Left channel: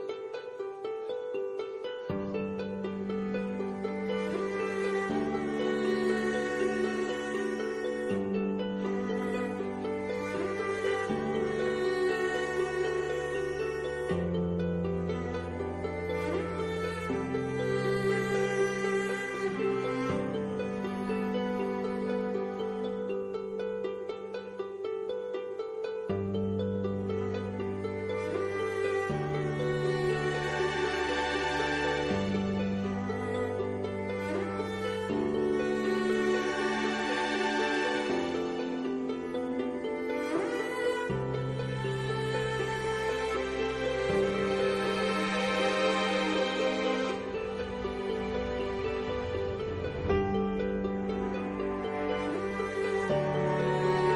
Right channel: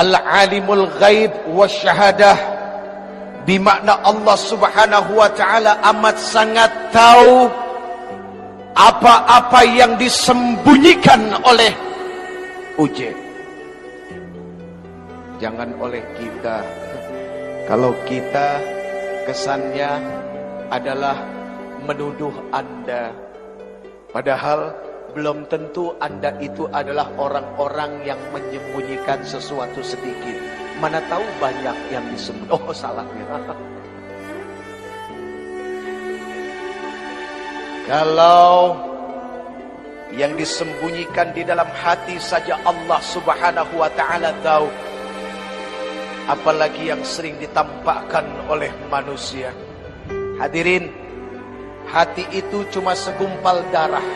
Al-alimul ghaib wasyahadah, bimakna Allah subhanahu wa ta'ala amat sangat tahu apa-apa yang disembunyikan oleh Uje. Jangan oleh kita. Kalau kita kesannya adalah menuduh Anda, padahal belum tentu Anda itu adalah orang-orang yang menyembunyikan sesuatu sedikit. Mana tahu banyak yang disembunyikan. Oh, salah. Kalau yang disembunyikan di dalam hati saja Allah subhanahu wa ta'ala tahu, apalagi yang sering ditampakkan oleh manusia. Hadirin, hati itu cuma segumpal darah,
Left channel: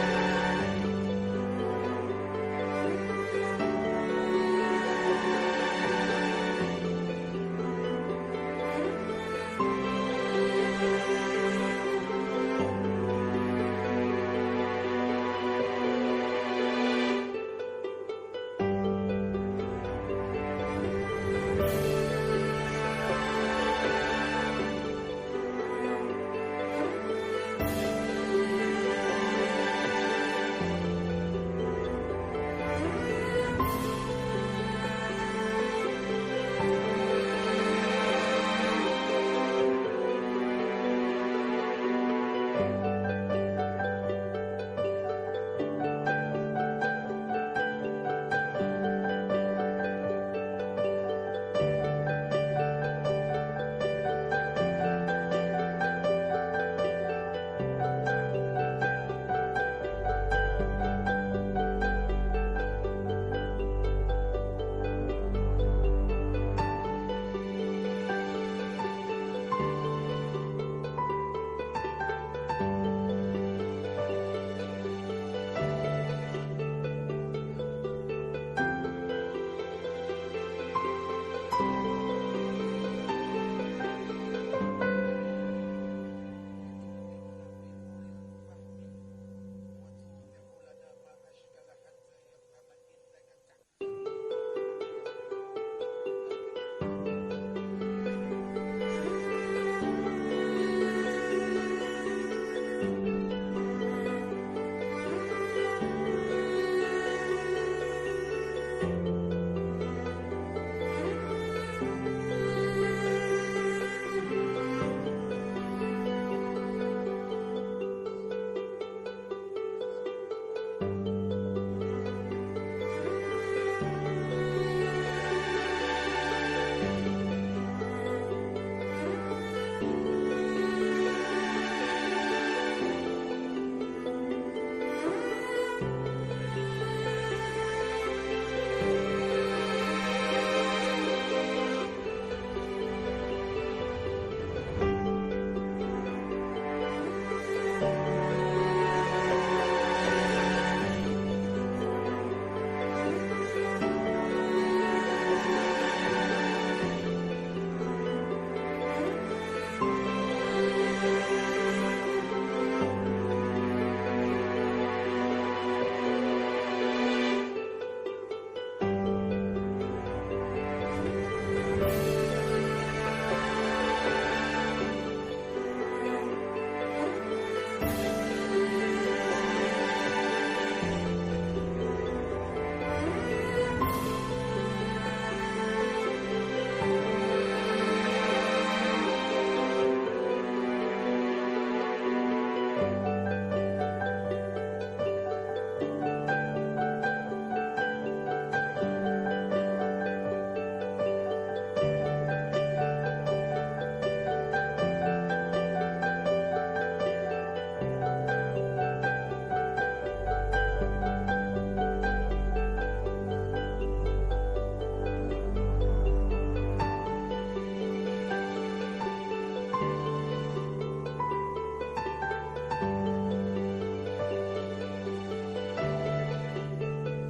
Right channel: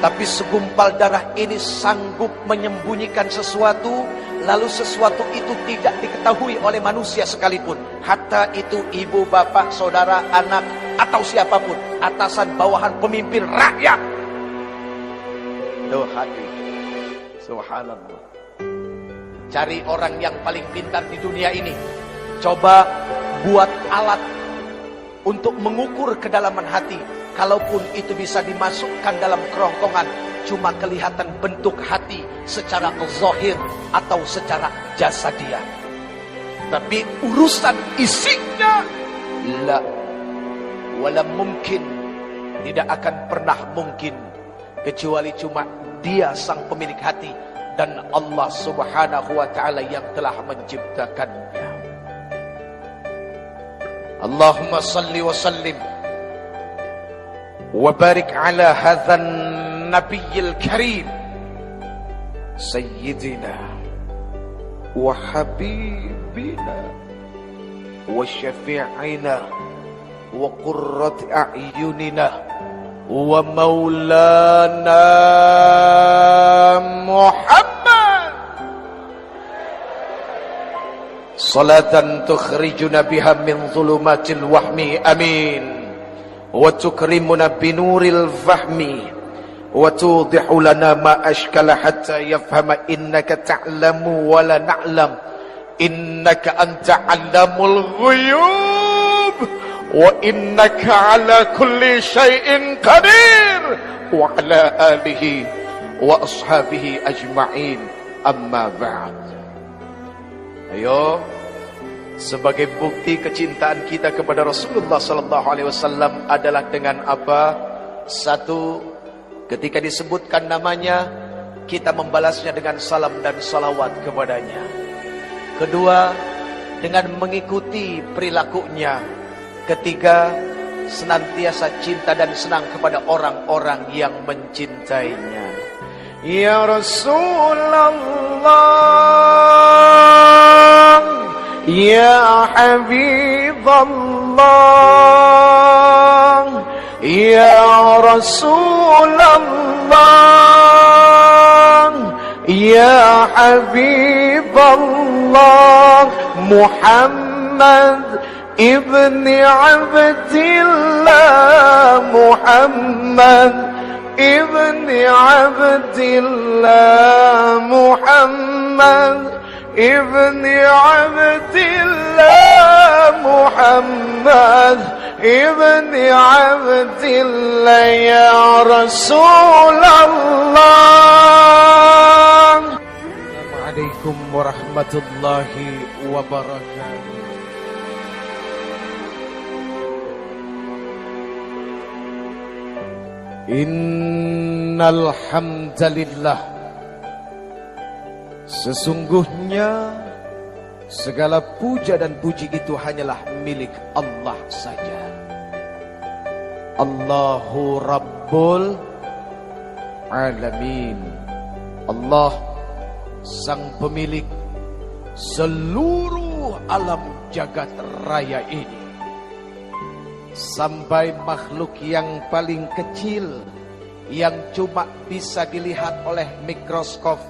tapi segumpal darah ini sanggup menyembunyikan sesuatu, lalu sesuatu itu tidak diketahui oleh manusia sekalipun. Hatta itu ibu, bapak, saudara, anak, atau siapapun, atasan, bawahan, pemimpin, rakyat. Loh hati, subhanallah. Cari orang yang paling pintar di dunia ini, coba buat alat untuk mengukur kedalaman hati. Kalaupun itu bisa dimasukkan dalam kerongkongan, cuma kelihatan bentuk hati secara zahir atau secara jasadiah. Tapi urusan isinya, la wala mungkin, tidak akan pernah mungkin, kecuali cuma Dia sang pemilik hati dan Allah subhanahu wa ta'ala yang telah menciptakannya. Allahumma salli wa sallim وبارك على هذا النبي الكريم سيدنا وحبيبنا وشفيعنا وقرة أعيننا ومولانا محمد صلاة تخرجنا بها من ظلمات الوهم آمين وتكرمنا بنور الفهم وتوضح لنا ما أشكل حتى يفهم إنك تعلم ولا نعلم إنك أنت علام الغيوب وإنك على كل شيء قدير وعلى آله وأصحابه أجمعين أما بعد. Ayo, sebagai bukti kecintaan kita kepada Rasulullah sallallahu alaihi wasallam adalah dengan apa? Satu, ketika disebutkan namanya, kita membalasnya dengan salam dan salawat kepadanya. Kedua, dengan mengikuti perilakunya. Ketiga, senantiasa cinta dan senang kepada orang-orang yang mencintainya. Ya Rasulullah, Ya Habib Allah, Ya Rasulullah, Ya Habib Allah, Muhammad ibn Abdillah, Muhammad ibn Abdillah, Muhammad ibn Abdillah, Muhammad ibn Abdillah, Ya Rasulullah. Assalamualaikum warahmatullahi wabarakatuh. Innal hamdalillah, sesungguhnya segala puja dan puji itu hanyalah milik Allah saja. Allahu Rabbul Alamin. Allah sang pemilik seluruh alam jagat raya ini. Sampai makhluk yang paling kecil yang cuma bisa dilihat oleh mikroskop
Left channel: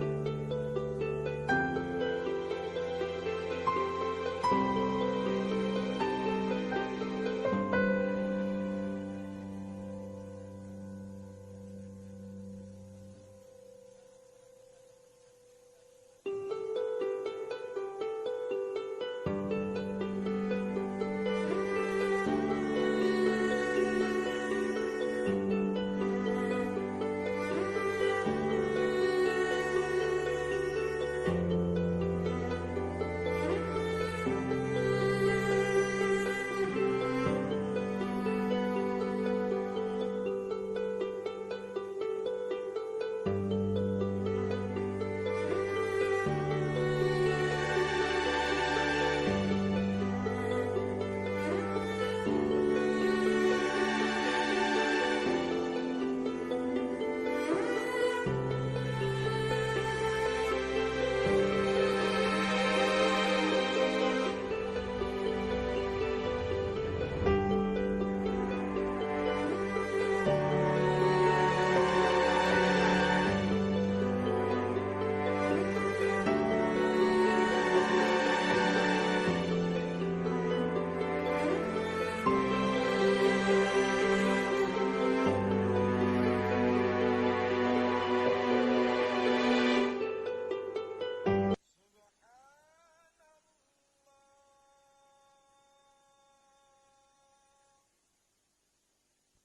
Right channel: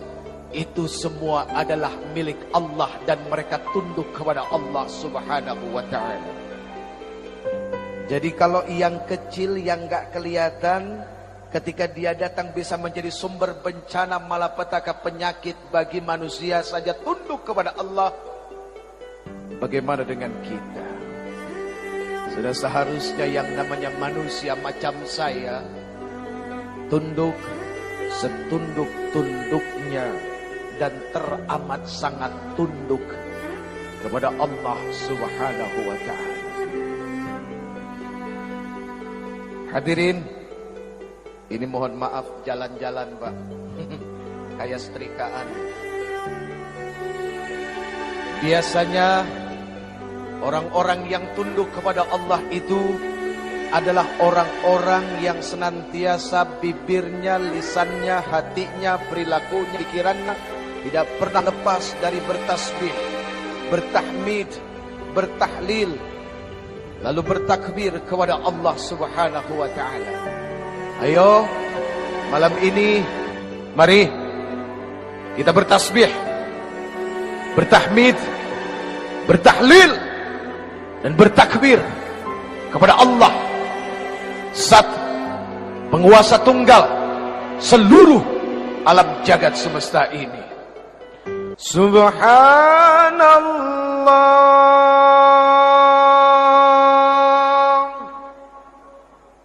itu semua adalah milik Allah dan mereka tunduk kepada Allah Subhanahu wa ta'ala. Jadi kalau yang kecil yang gak kelihatan, ketika dia datang bisa menjadi sumber bencana malapetaka penyakit bagi manusia saja tunduk kepada Allah. Bagaimana dengan kita? Sudah seharusnya yang namanya manusia macam saya tunduk setunduk-tunduknya dan teramat sangat tunduk kepada Allah Subhanahu wa ta'ala. Hadirin, ini mohon maaf jalan-jalan Pak, kayak setrikaan. Biasanya orang-orang yang tunduk kepada Allah itu adalah orang-orang yang senantiasa bibirnya, lisannya, hatinya, perilakunya, pikirannya tidak pernah lepas dari bertasbih, bertahmid, bertahlil, lalu bertakbir kepada Allah Subhanahu wa ta'ala. Ayo, malam ini mari kita bertasbih, bertahmid, bertahlil dan bertakbir kepada Allah, Zat penguasa tunggal seluruh alam jagat semesta ini. Subhanallah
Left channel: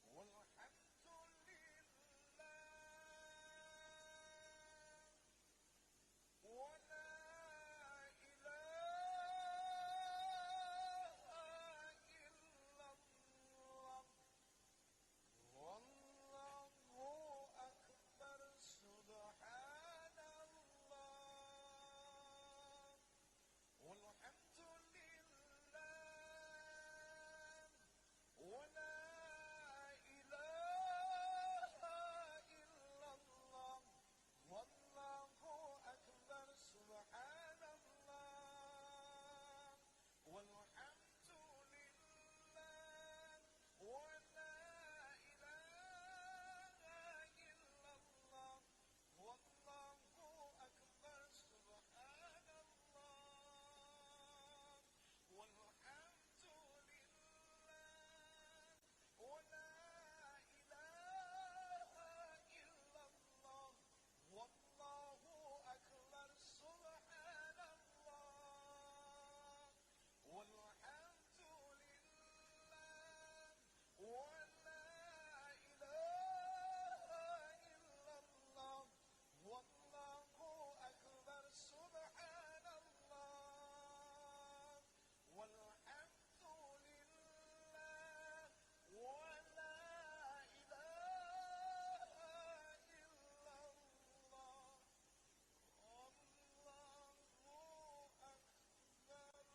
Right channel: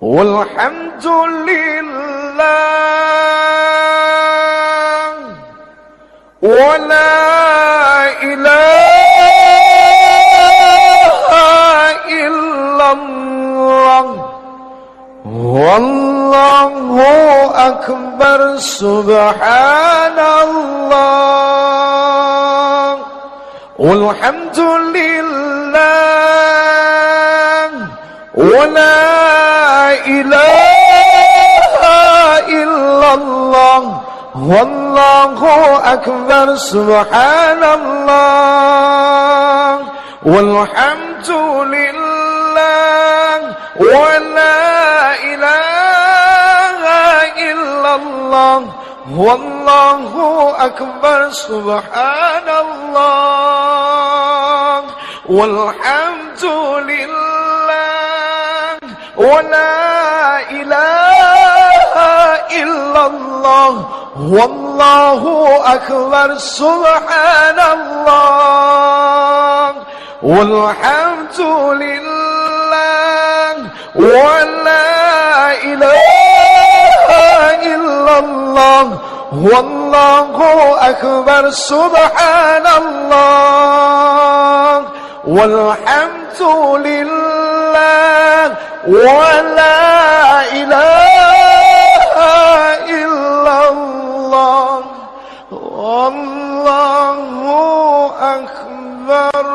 walhamdulillah wa la ilaha illallah wallahu akbar. Subhanallah walhamdulillah wa la ilaha illallah wallahu akbar. Subhanallah walhamdulillah wa la ilaha illallah wallahu akbar. Subhanallah walhamdulillah wa la ilaha illallah wallahu akbar. Subhanallah walhamdulillah wa la ilaha illallah wallahu akbar. Subhanallah walhamdulillah wa la ilaha illallah wallahu akbar.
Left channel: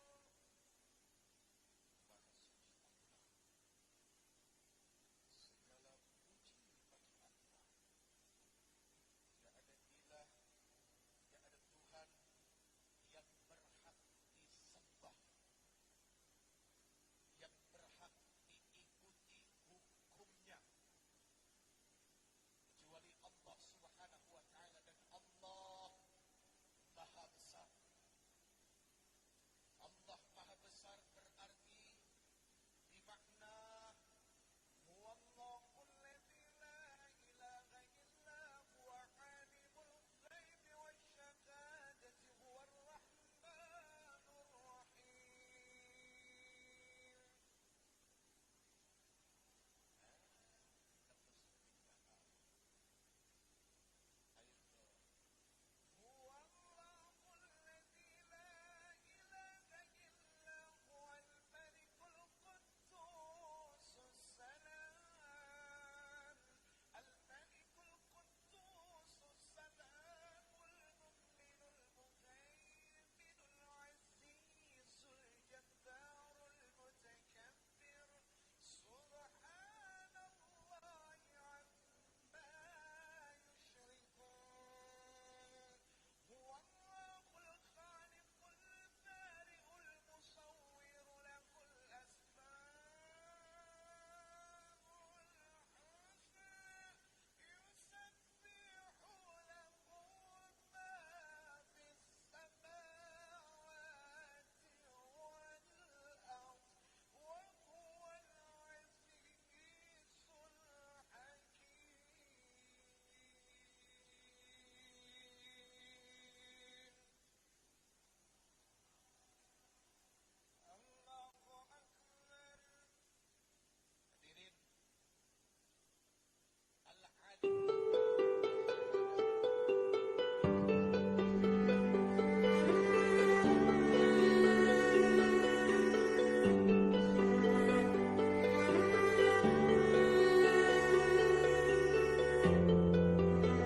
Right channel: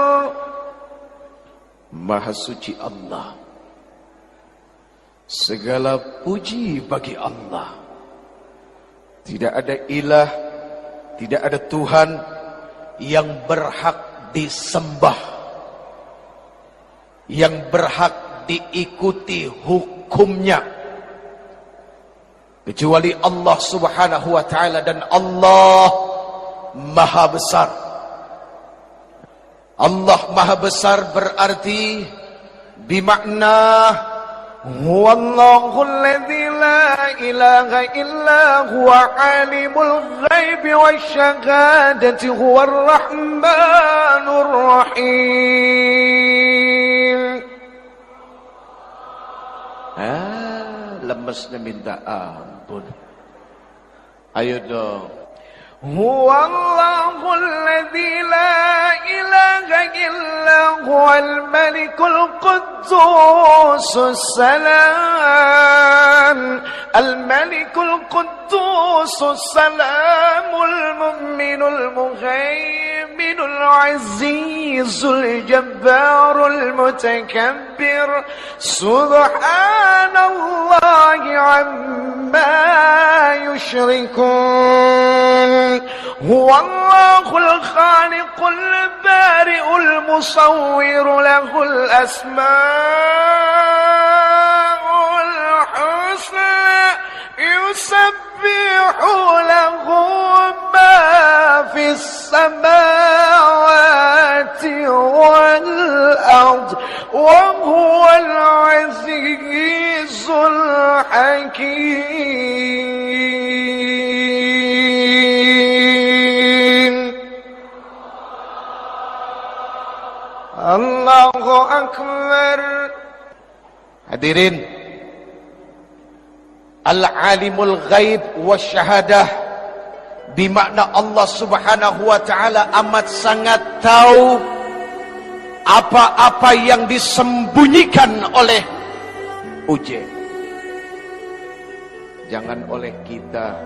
Maha suci Allah, segala puji bagi Allah. Tidak ada ilah, tidak ada Tuhan yang berhak disembah, yang berhak diikuti hukumnya, kecuali Allah Subhanahu wa ta'ala. Dan Allah Maha Besar. Allah Maha Besar berarti bimakna huwallahu alladzi la ilaha illa huwa alimul ghaibi wasyahadati huwar rahmanur rahim. Lemesnya minta ampun. Ayo dong. Huwallahu alladzi la ilaha illa huwal malikul quddusus salam al-malikul quddusus salamul mu'minul muhaiminul azizul jabbarul mutakabbir. Subhanallahi amma yushrikun. Huwallahul khaliqul bari'ul musawwir lahul asma'ul husna yusabbihu lahu ma السماوات والأرض وهو العزيز الحكيم. Allahu Akbar. Hadirin, Al-Alimul Ghaib Wasyahadah, bimakna Allah Subhanahu wa Ta'ala amat sangat tahu apa-apa yang disembunyikan oleh Uje. Jangan oleh kita.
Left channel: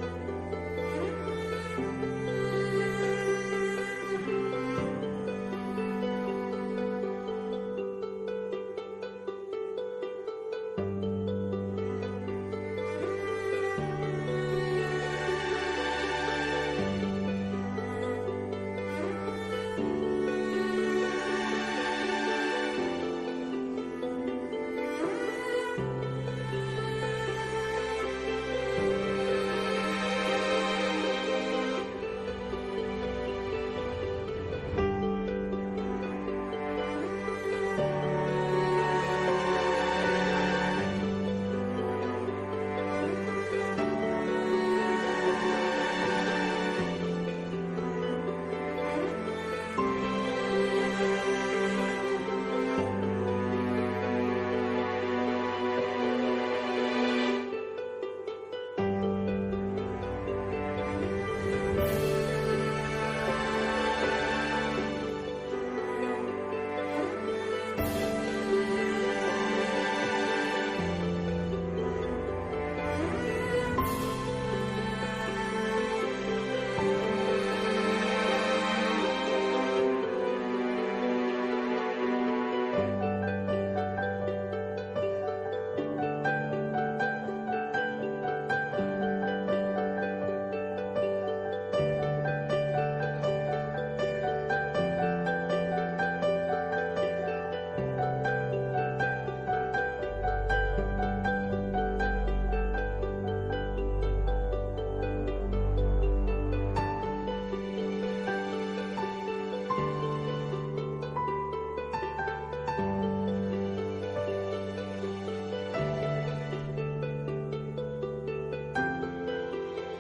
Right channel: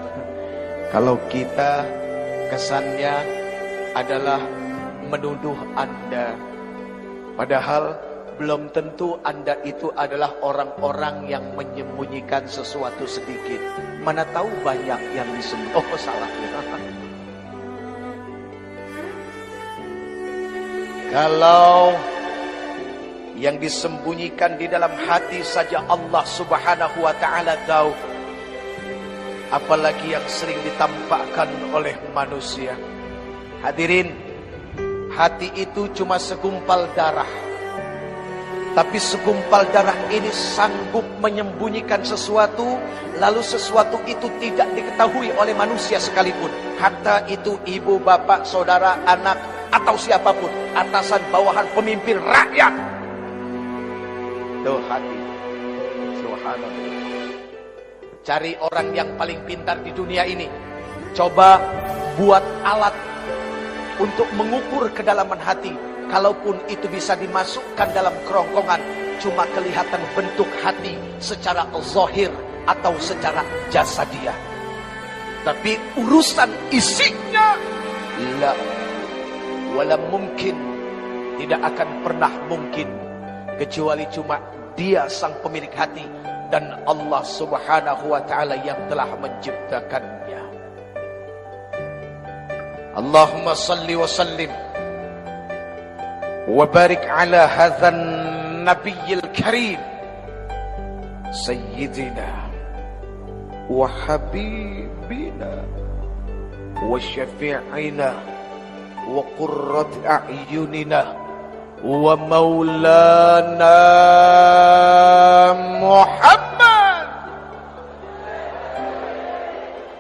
Kalau kita kesannya adalah menuduh Anda, padahal belum tentu Anda itu adalah orang-orang yang menyembunyikan sesuatu sedikit. Mana tahu banyak yang disembunyikan. Oh, salah. Kalau yang disembunyikan di dalam hati saja Allah Subhanahu wa Ta'ala tahu, apalagi yang sering ditampakkan oleh manusia. Hadirin, hati itu cuma segumpal darah, tapi segumpal darah ini sanggup menyembunyikan sesuatu, lalu sesuatu itu tidak diketahui oleh manusia sekalipun. Hatta itu ibu, bapak, saudara, anak, atau siapapun, atasan, bawahan, pemimpin, rakyat. Tuh hati. Subhanallah. Cari orang yang paling pintar di dunia ini. Coba buat alat untuk mengukur kedalaman hati. Kalaupun itu bisa dimasukkan dalam kerongkongan, cuma kelihatan bentuk hati secara zahir atau secara jasadiah. Tapi urusan isinya, la wala mungkin, tidak akan pernah mungkin, kecuali cuma Dia sang pemilik hati dan Allah Subhanahu wa Ta'ala yang telah menciptakannya. Allahumma salli wa sallim wa barik ala hadzal nabiyil karim sayyidina wa habibina wa syafi'ina wa qurrat a'yunina wa maulana Muhammad,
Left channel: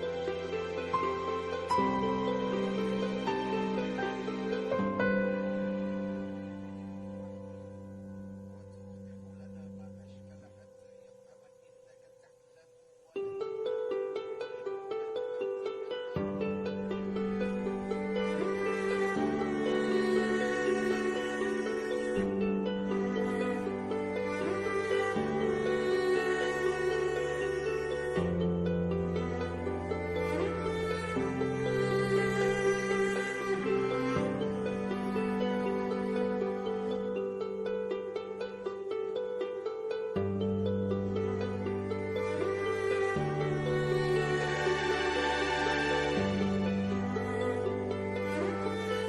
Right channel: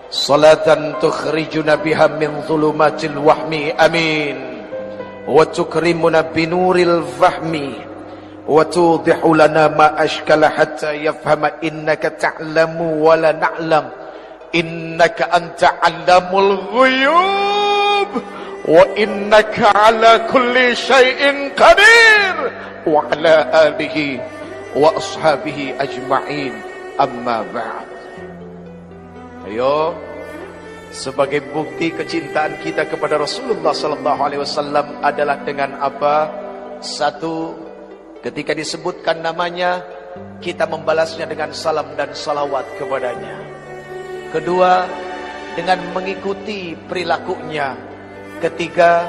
salatan tukhrijuna biha min dhulumatil wahmi, amin, wa tukrimuna binuril fahmi wa tudihu lana ma ashkala hatta yafhama innaka ta'lamu wa la na'lam innaka anta 'allamul ghuyub wa innaka 'ala kulli syai'in qadir wa 'ala alihi wa ashabihi ajma'in, amma ba'd. Ayo, sebagai bukti kecintaan kita kepada Rasulullah sallallahu alaihi wasallam adalah dengan apa? Satu, ketika disebutkan namanya, kita membalasnya dengan salam dan salawat kepadanya. Kedua, dengan mengikuti perilakunya. Ketiga,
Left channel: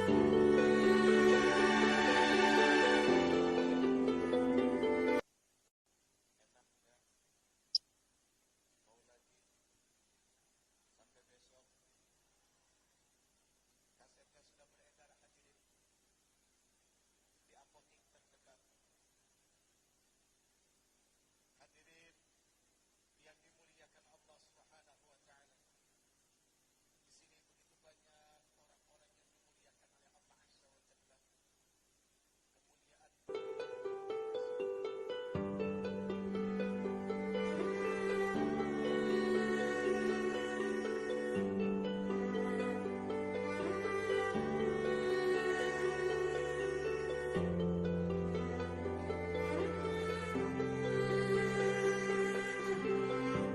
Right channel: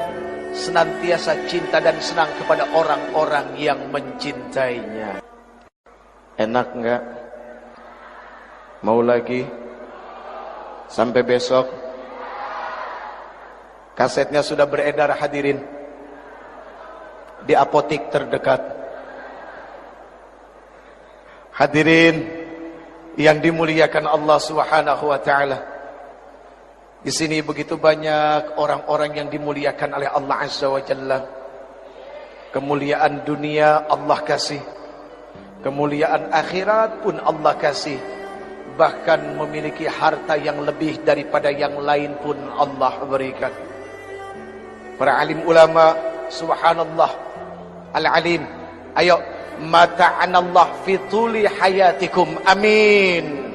senantiasa cinta dan senang kepada orang-orang yang mencintainya. Enak enggak? Mau lagi? Sampai besok? Kasetnya sudah beredar, hadirin, di apotik terdekat. Hadirin yang dimuliakan Allah Subhanahu wa Ta'ala, di sini begitu banyak orang-orang yang dimuliakan oleh Allah Azza wa Jalla. Kemuliaan dunia Allah kasih, kemuliaan akhirat pun Allah kasih, bahkan memiliki harta yang lebih daripada yang lain pun Allah berikan. Para alim ulama, subhanallah, al-alim, ayo, mata'anallah fi tuli hayatikum, amin,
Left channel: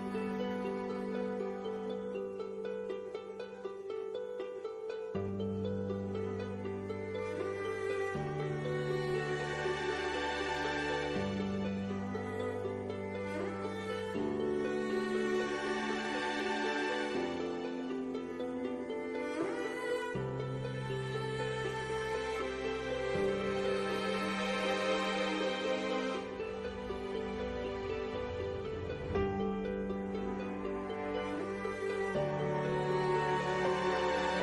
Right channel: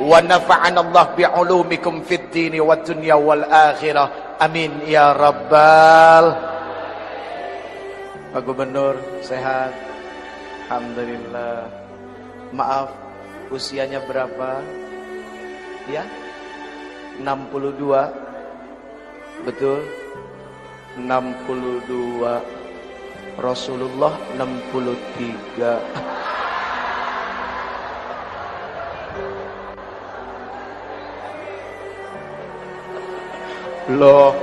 wa nafa'anallah bi'ulumikum fid dini wad dunya wal akhirah, amin ya rabbal. Pak Gubernur sehat, alhamdulillah. Maaf, usianya berapa? Ya, 62. Betul, 62. Rasulullah 63. Loh,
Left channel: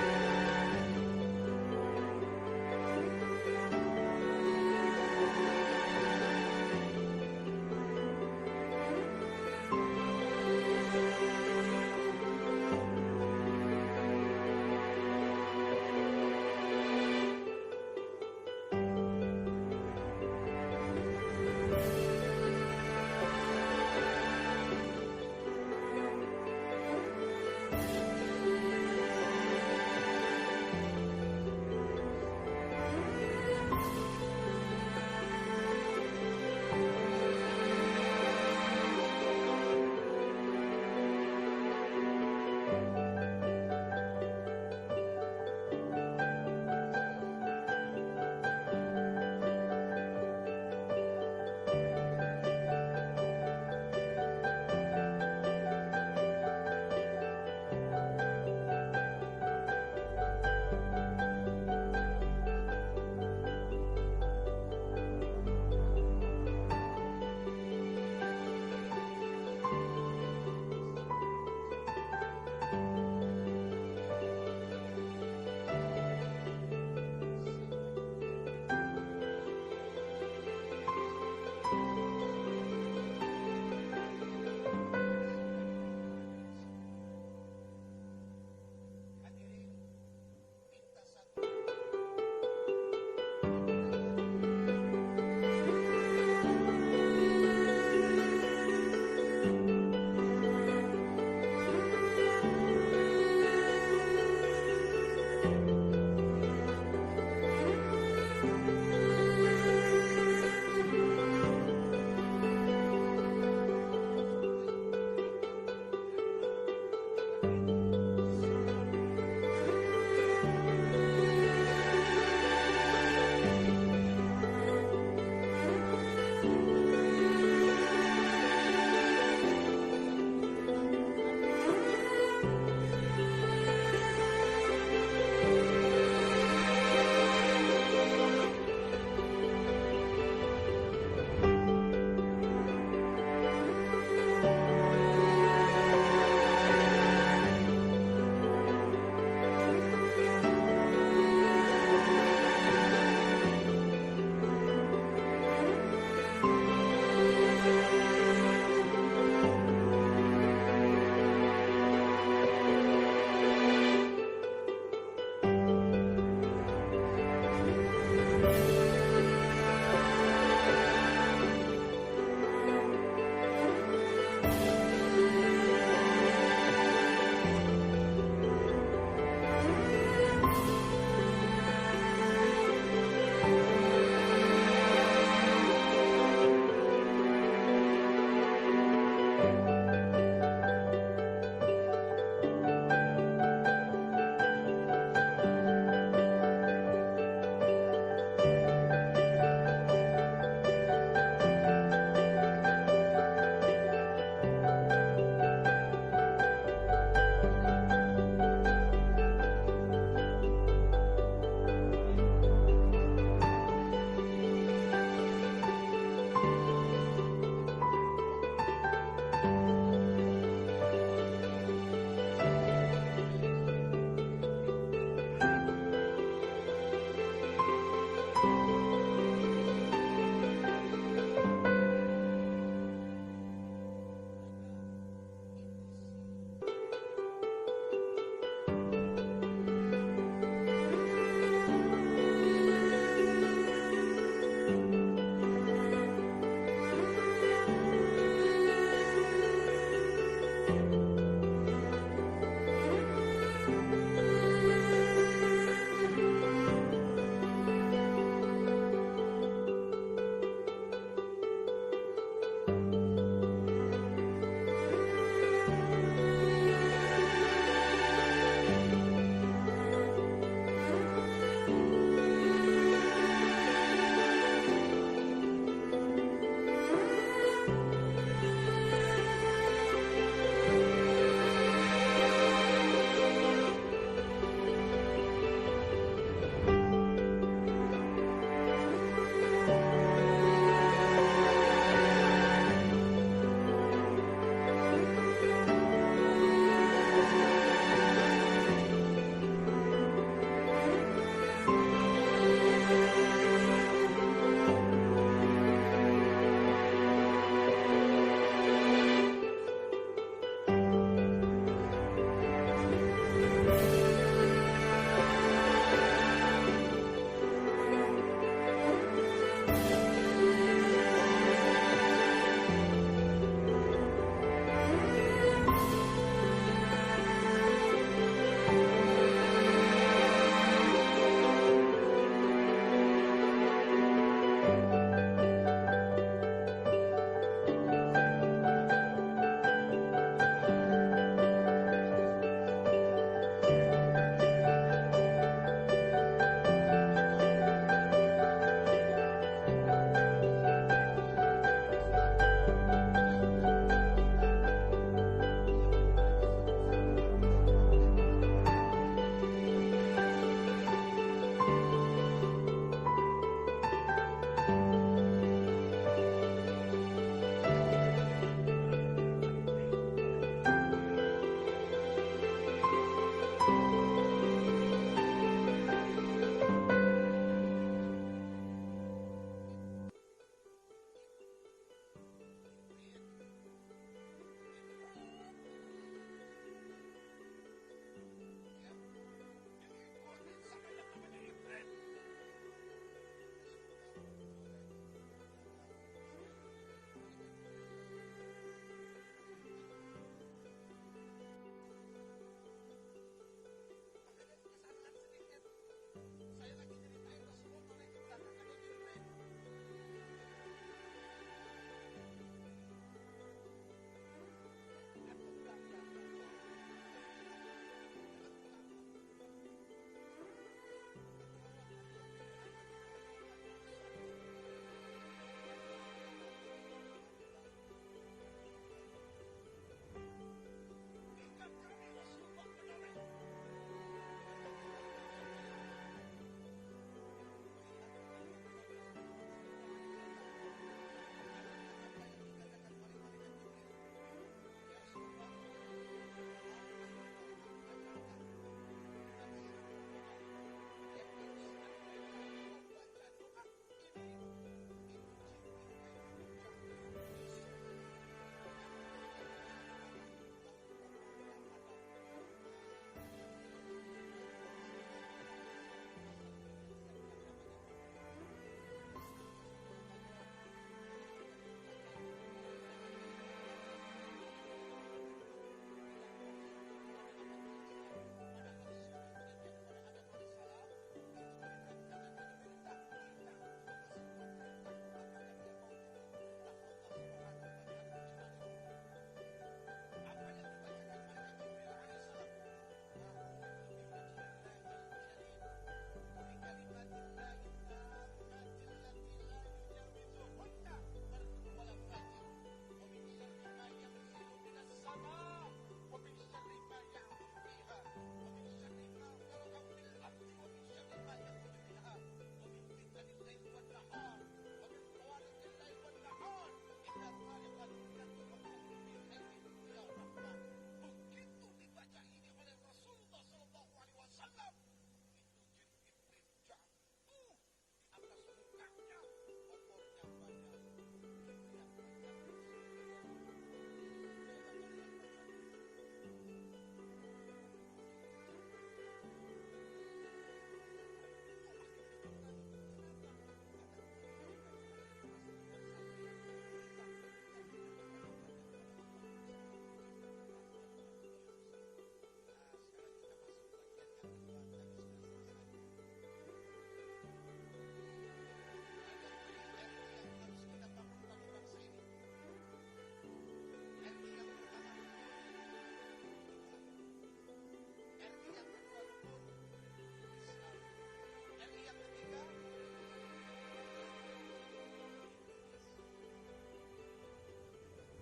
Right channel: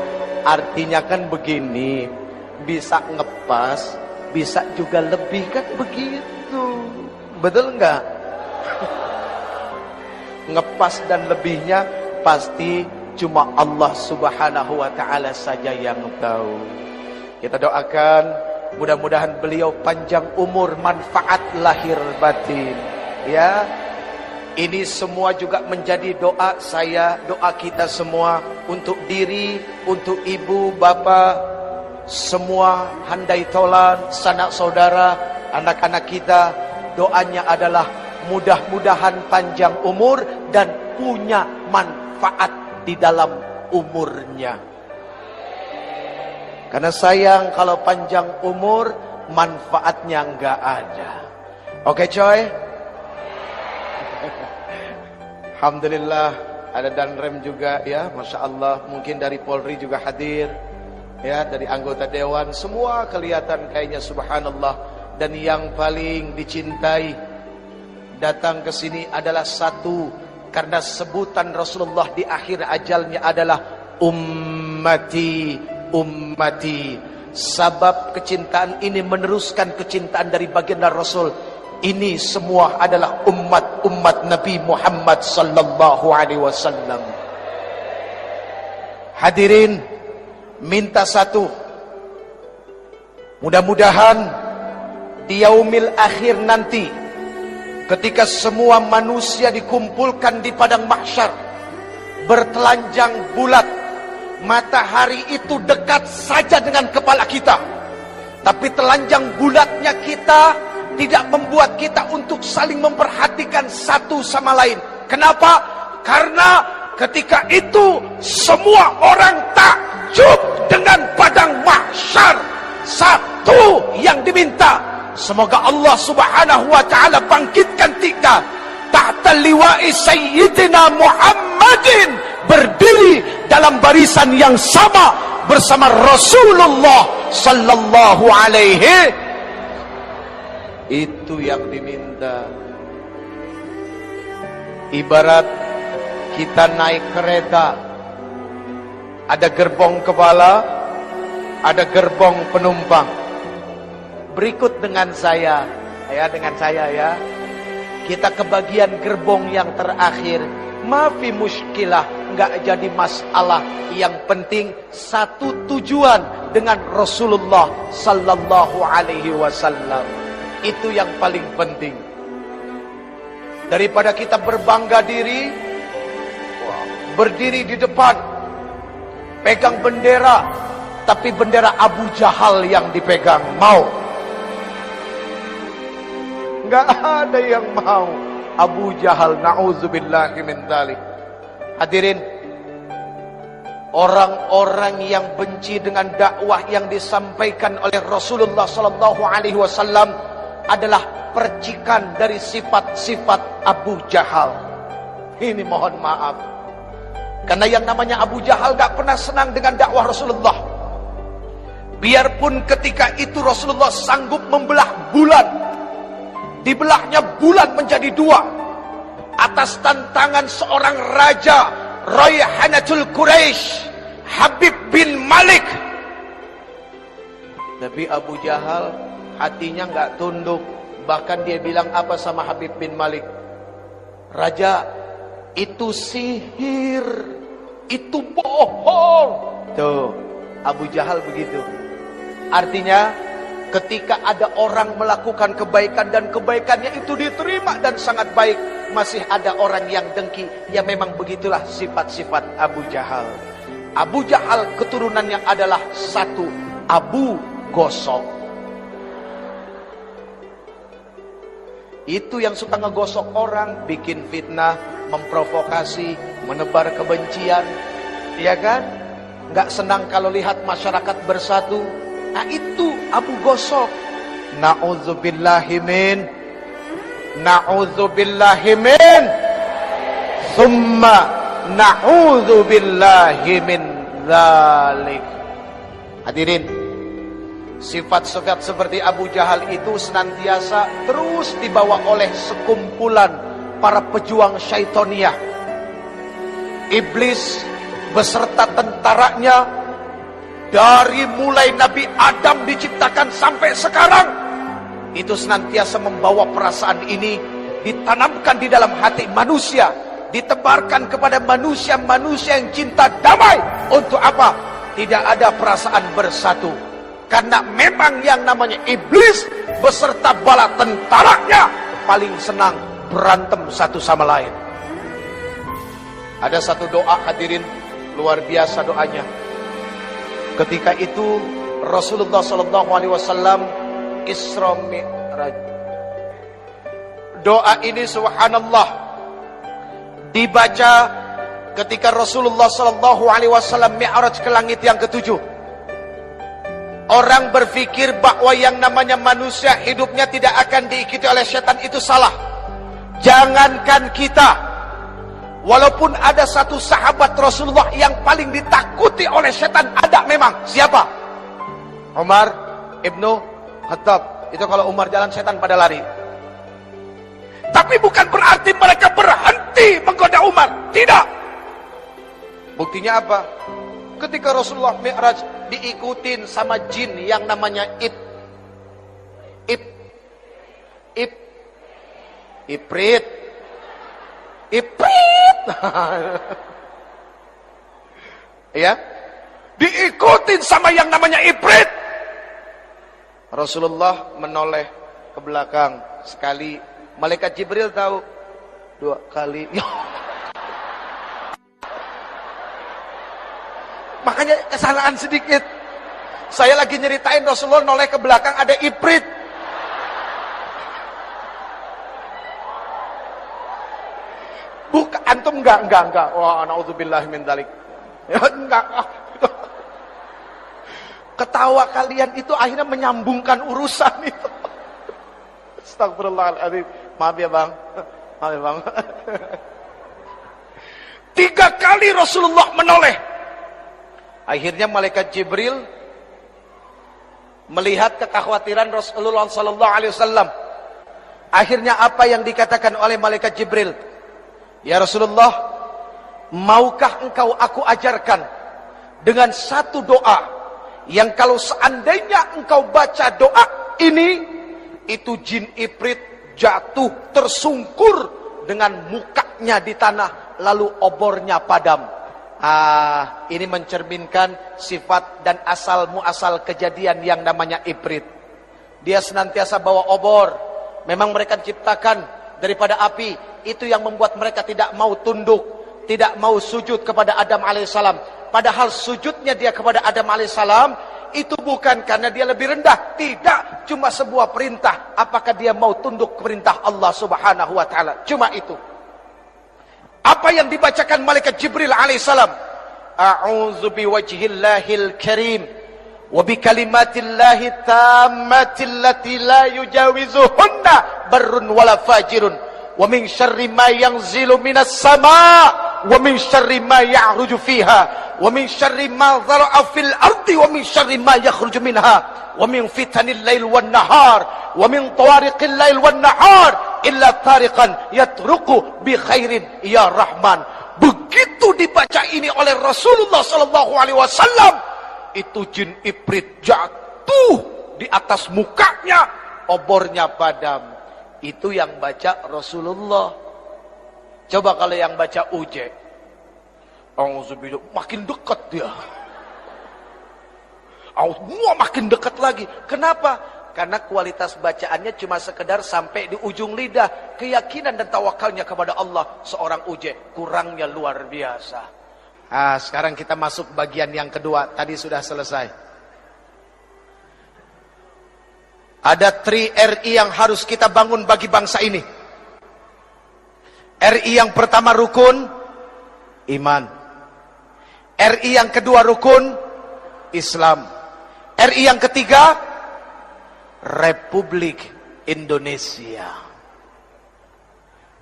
artinya kan begini, bisa ngepas, bisa juga lebih kan begitu. Betul nggak? Ngepas dan lebihnya pasti cuma Allah Subhanahu wa Ta'ala saja yang tahu. Kita doakan mudah-mudahan beliau panjang umur, manfaat lahir batin. Ya, ini semua juga menjadi doa saya, doa kita semua untuk diri, untuk ibu, bapak, semua handai tolan, sanak saudara, anak-anak kita. Doanya adalah mudah-mudahan panjang umur dan punya manfaat di dalam umurnya. Karena sayang kalau panjang umur manfaatnya nggak ada. Oke coy. Alhamdulillah ada Danrem juga ya, Masya Allah. Mungkin dari Polri juga hadir ya, dari anggota Dewan. Semua kelihatan kayaknya subhanallah. Dan yang paling dicintai datang ke sini adalah satu, karena sebutan Rasulullah di akhir ajalnya adalah ummati, ummati. Sabab kecintaan ini meneruskan kecintaan dari baginda Rasul. Ini semua adalah umat Nabi Muhammad sallallahu alaihi wasallam. Hadirin, minta satu. Mudah-mudahan di yaumil akhir nanti, ketika semua manusia dikumpulkan di padang mahsyar, bertelanjang bulat, matahari itu dekat saja dengan kepala kita, tapi telanjang bulatnya kita tidak membuat kita untuk saling memperhatikan satu sama lain. Kenapa? Karena ketika itu semua orang takjub dengan padang mahsyar. Satu yang diminta, semoga Allah Subhanahu wa Ta'ala bangkitkan kita tahta liwa'i Sayyidina Muhammadin, berdiri dalam barisan yang sama bersama Rasulullah sallallahu alaihi. Itu yang diminta. Ibarat kita naik kereta, ada gerbong kepala, ada gerbong penumpang. Berikut dengan saya ya, kita ke bagian gerbong yang terakhir. Mafi muskilah, nggak jadi masalah. Yang penting satu tujuan dengan Rasulullah sallallahu alaihi wasallam. Itu yang paling penting. Daripada kita berbangga diri, berdiri di depan, pegang bendera, tapi bendera Abu Jahal yang dipegang. Mau? Nggak ada yang mau. Abu Jahal, na'udzubillahi min dzalik. Hadirin, orang-orang yang benci dengan dakwah yang disampaikan oleh Rasulullah sallallahu alaihi wasallam adalah percikan dari sifat-sifat Abu Jahal. Ini mohon maaf, karena yang namanya Abu Jahal gak pernah senang dengan dakwah Rasulullah. Biarpun ketika itu Rasulullah sanggup membelah bulan, dibelahnya bulan menjadi dua atas tantangan seorang raja, Rayhanatul Quraisy, Habib bin Malik. Tapi Abu Jahal hatinya nggak tunduk. Bahkan dia bilang apa sama Habib bin Malik? Raja, itu sihir, itu bohong. Tuh, Abu Jahal begitu. Artinya ketika ada orang melakukan kebaikan dan kebaikannya itu diterima dan sangat baik, masih ada orang yang dengki. Ya memang begitulah sifat-sifat Abu Jahal. Abu Jahal keturunannya adalah satu, Abu Gosok. Itu yang suka ngegosok orang, bikin fitnah, memprovokasi, menebar kebencian. Dia kan gak senang kalau lihat masyarakat bersatu. Nah itu Abu Gosok. Na'udzubillahimin, summa na'udzubillahimin dzalik. Hadirin, sifat-sifat seperti Abu Jahal itu senantiasa terus dibawa oleh sekumpulan para pejuang syaitoniyah. Iblis beserta tentaranya, dari mulai Nabi Adam diciptakan sampai sekarang, itu senantiasa membawa perasaan ini, ditanamkan di dalam hati manusia, ditebarkan kepada manusia-manusia yang cinta damai. Untuk apa? Tidak ada perasaan bersatu. Karena memang yang namanya iblis beserta bala tentaranya paling senang berantem satu sama lain. Ada satu doa hadirin, luar biasa doanya. Ketika itu Rasulullah SAW Isra Mi'raj. Doa ini subhanallah dibaca ketika Rasulullah SAW Mi'raj ke langit yang ketujuh. Orang berpikir bahwa yang namanya manusia hidupnya tidak akan diikuti oleh setan, itu salah. Jangankan kita, walaupun ada satu sahabat Rasulullah yang paling ditakuti oleh setan, ada memang. Siapa? Umar ibnu Khattab. Itu kalau Umar jalan, setan pada lari. Tapi bukan berarti mereka berhenti menggoda Umar. Tidak. Buktinya apa? Ketika Rasulullah Mi'raj diikutin sama jin yang namanya Ifrit. Ya, diikutin sama yang namanya Ifrit. Rasulullah menoleh ke belakang sekali, malaikat Jibril tahu, 2 kali. Makanya kesalahan sedikit. Saya lagi nyeritain Rasulullah noleh ke belakang, ada Ifrit. Bukan, antum enggak. Wah, na'udzubillah min dzalik. Ya, enggak. Ketawa kalian itu akhirnya menyambungkan urusan itu. Astagfirullahaladzim. Maaf ya bang. 3 kali Rasulullah menoleh. Akhirnya malaikat Jibril melihat kekhawatiran Rasulullah SAW. Akhirnya apa yang dikatakan oleh malaikat Jibril? Ya Rasulullah, maukah engkau aku ajarkan dengan satu doa yang kalau seandainya engkau baca doa ini, itu jin Ifrit jatuh tersungkur dengan mukanya di tanah, lalu obornya padam. Ini mencerminkan sifat dan asal muasal kejadian yang namanya Ifrit. Dia senantiasa bawa obor. Memang mereka diciptakan daripada api. Itu yang membuat mereka tidak mau tunduk, tidak mau sujud kepada Adam alaihissalam. Padahal sujudnya dia kepada Adam alaihissalam itu bukan karena dia lebih rendah. Tidak, cuma sebuah perintah. Apakah dia mau tunduk ke perintah Allah subhanahu wa ta'ala? Cuma itu. Apa yang dibacakan malaikat Jibril alaihissalam? A'udzu biwajhillahil karim wa bikalimatillahi tammatil lati la yujawizuhunna barrun wala fajirun wa min syarri ma yanzilu minas sama' wa min syarri ma ya'ruju fiha wa min syarri ma dhara'a fil ardi wa min syarri ma yakhruju minha wa min fitanil lail wan nahar wa min tawariqil lail wan nahar illa tariqan yatruqu bi khairin ya rahman. Begitu dibaca ini oleh Rasulullah SAW, itu jin Ifrit jatuh di atas mukanya, obornya padam. Itu yang baca Rasulullah. Coba kalau yang baca Uje, auzubillah, makin dekat dia. Makin dekat lagi. Kenapa? Karena kualitas bacaannya cuma sekedar sampai di ujung lidah. Keyakinan dan tawakalnya kepada Allah seorang Uje kurangnya luar biasa. Sekarang kita masuk bagian yang kedua. Tadi sudah selesai. Ada 3 RI yang harus kita bangun bagi bangsa ini. RI yang pertama rukun iman. RI yang kedua rukun Islam. RI yang ketiga Republik Indonesia.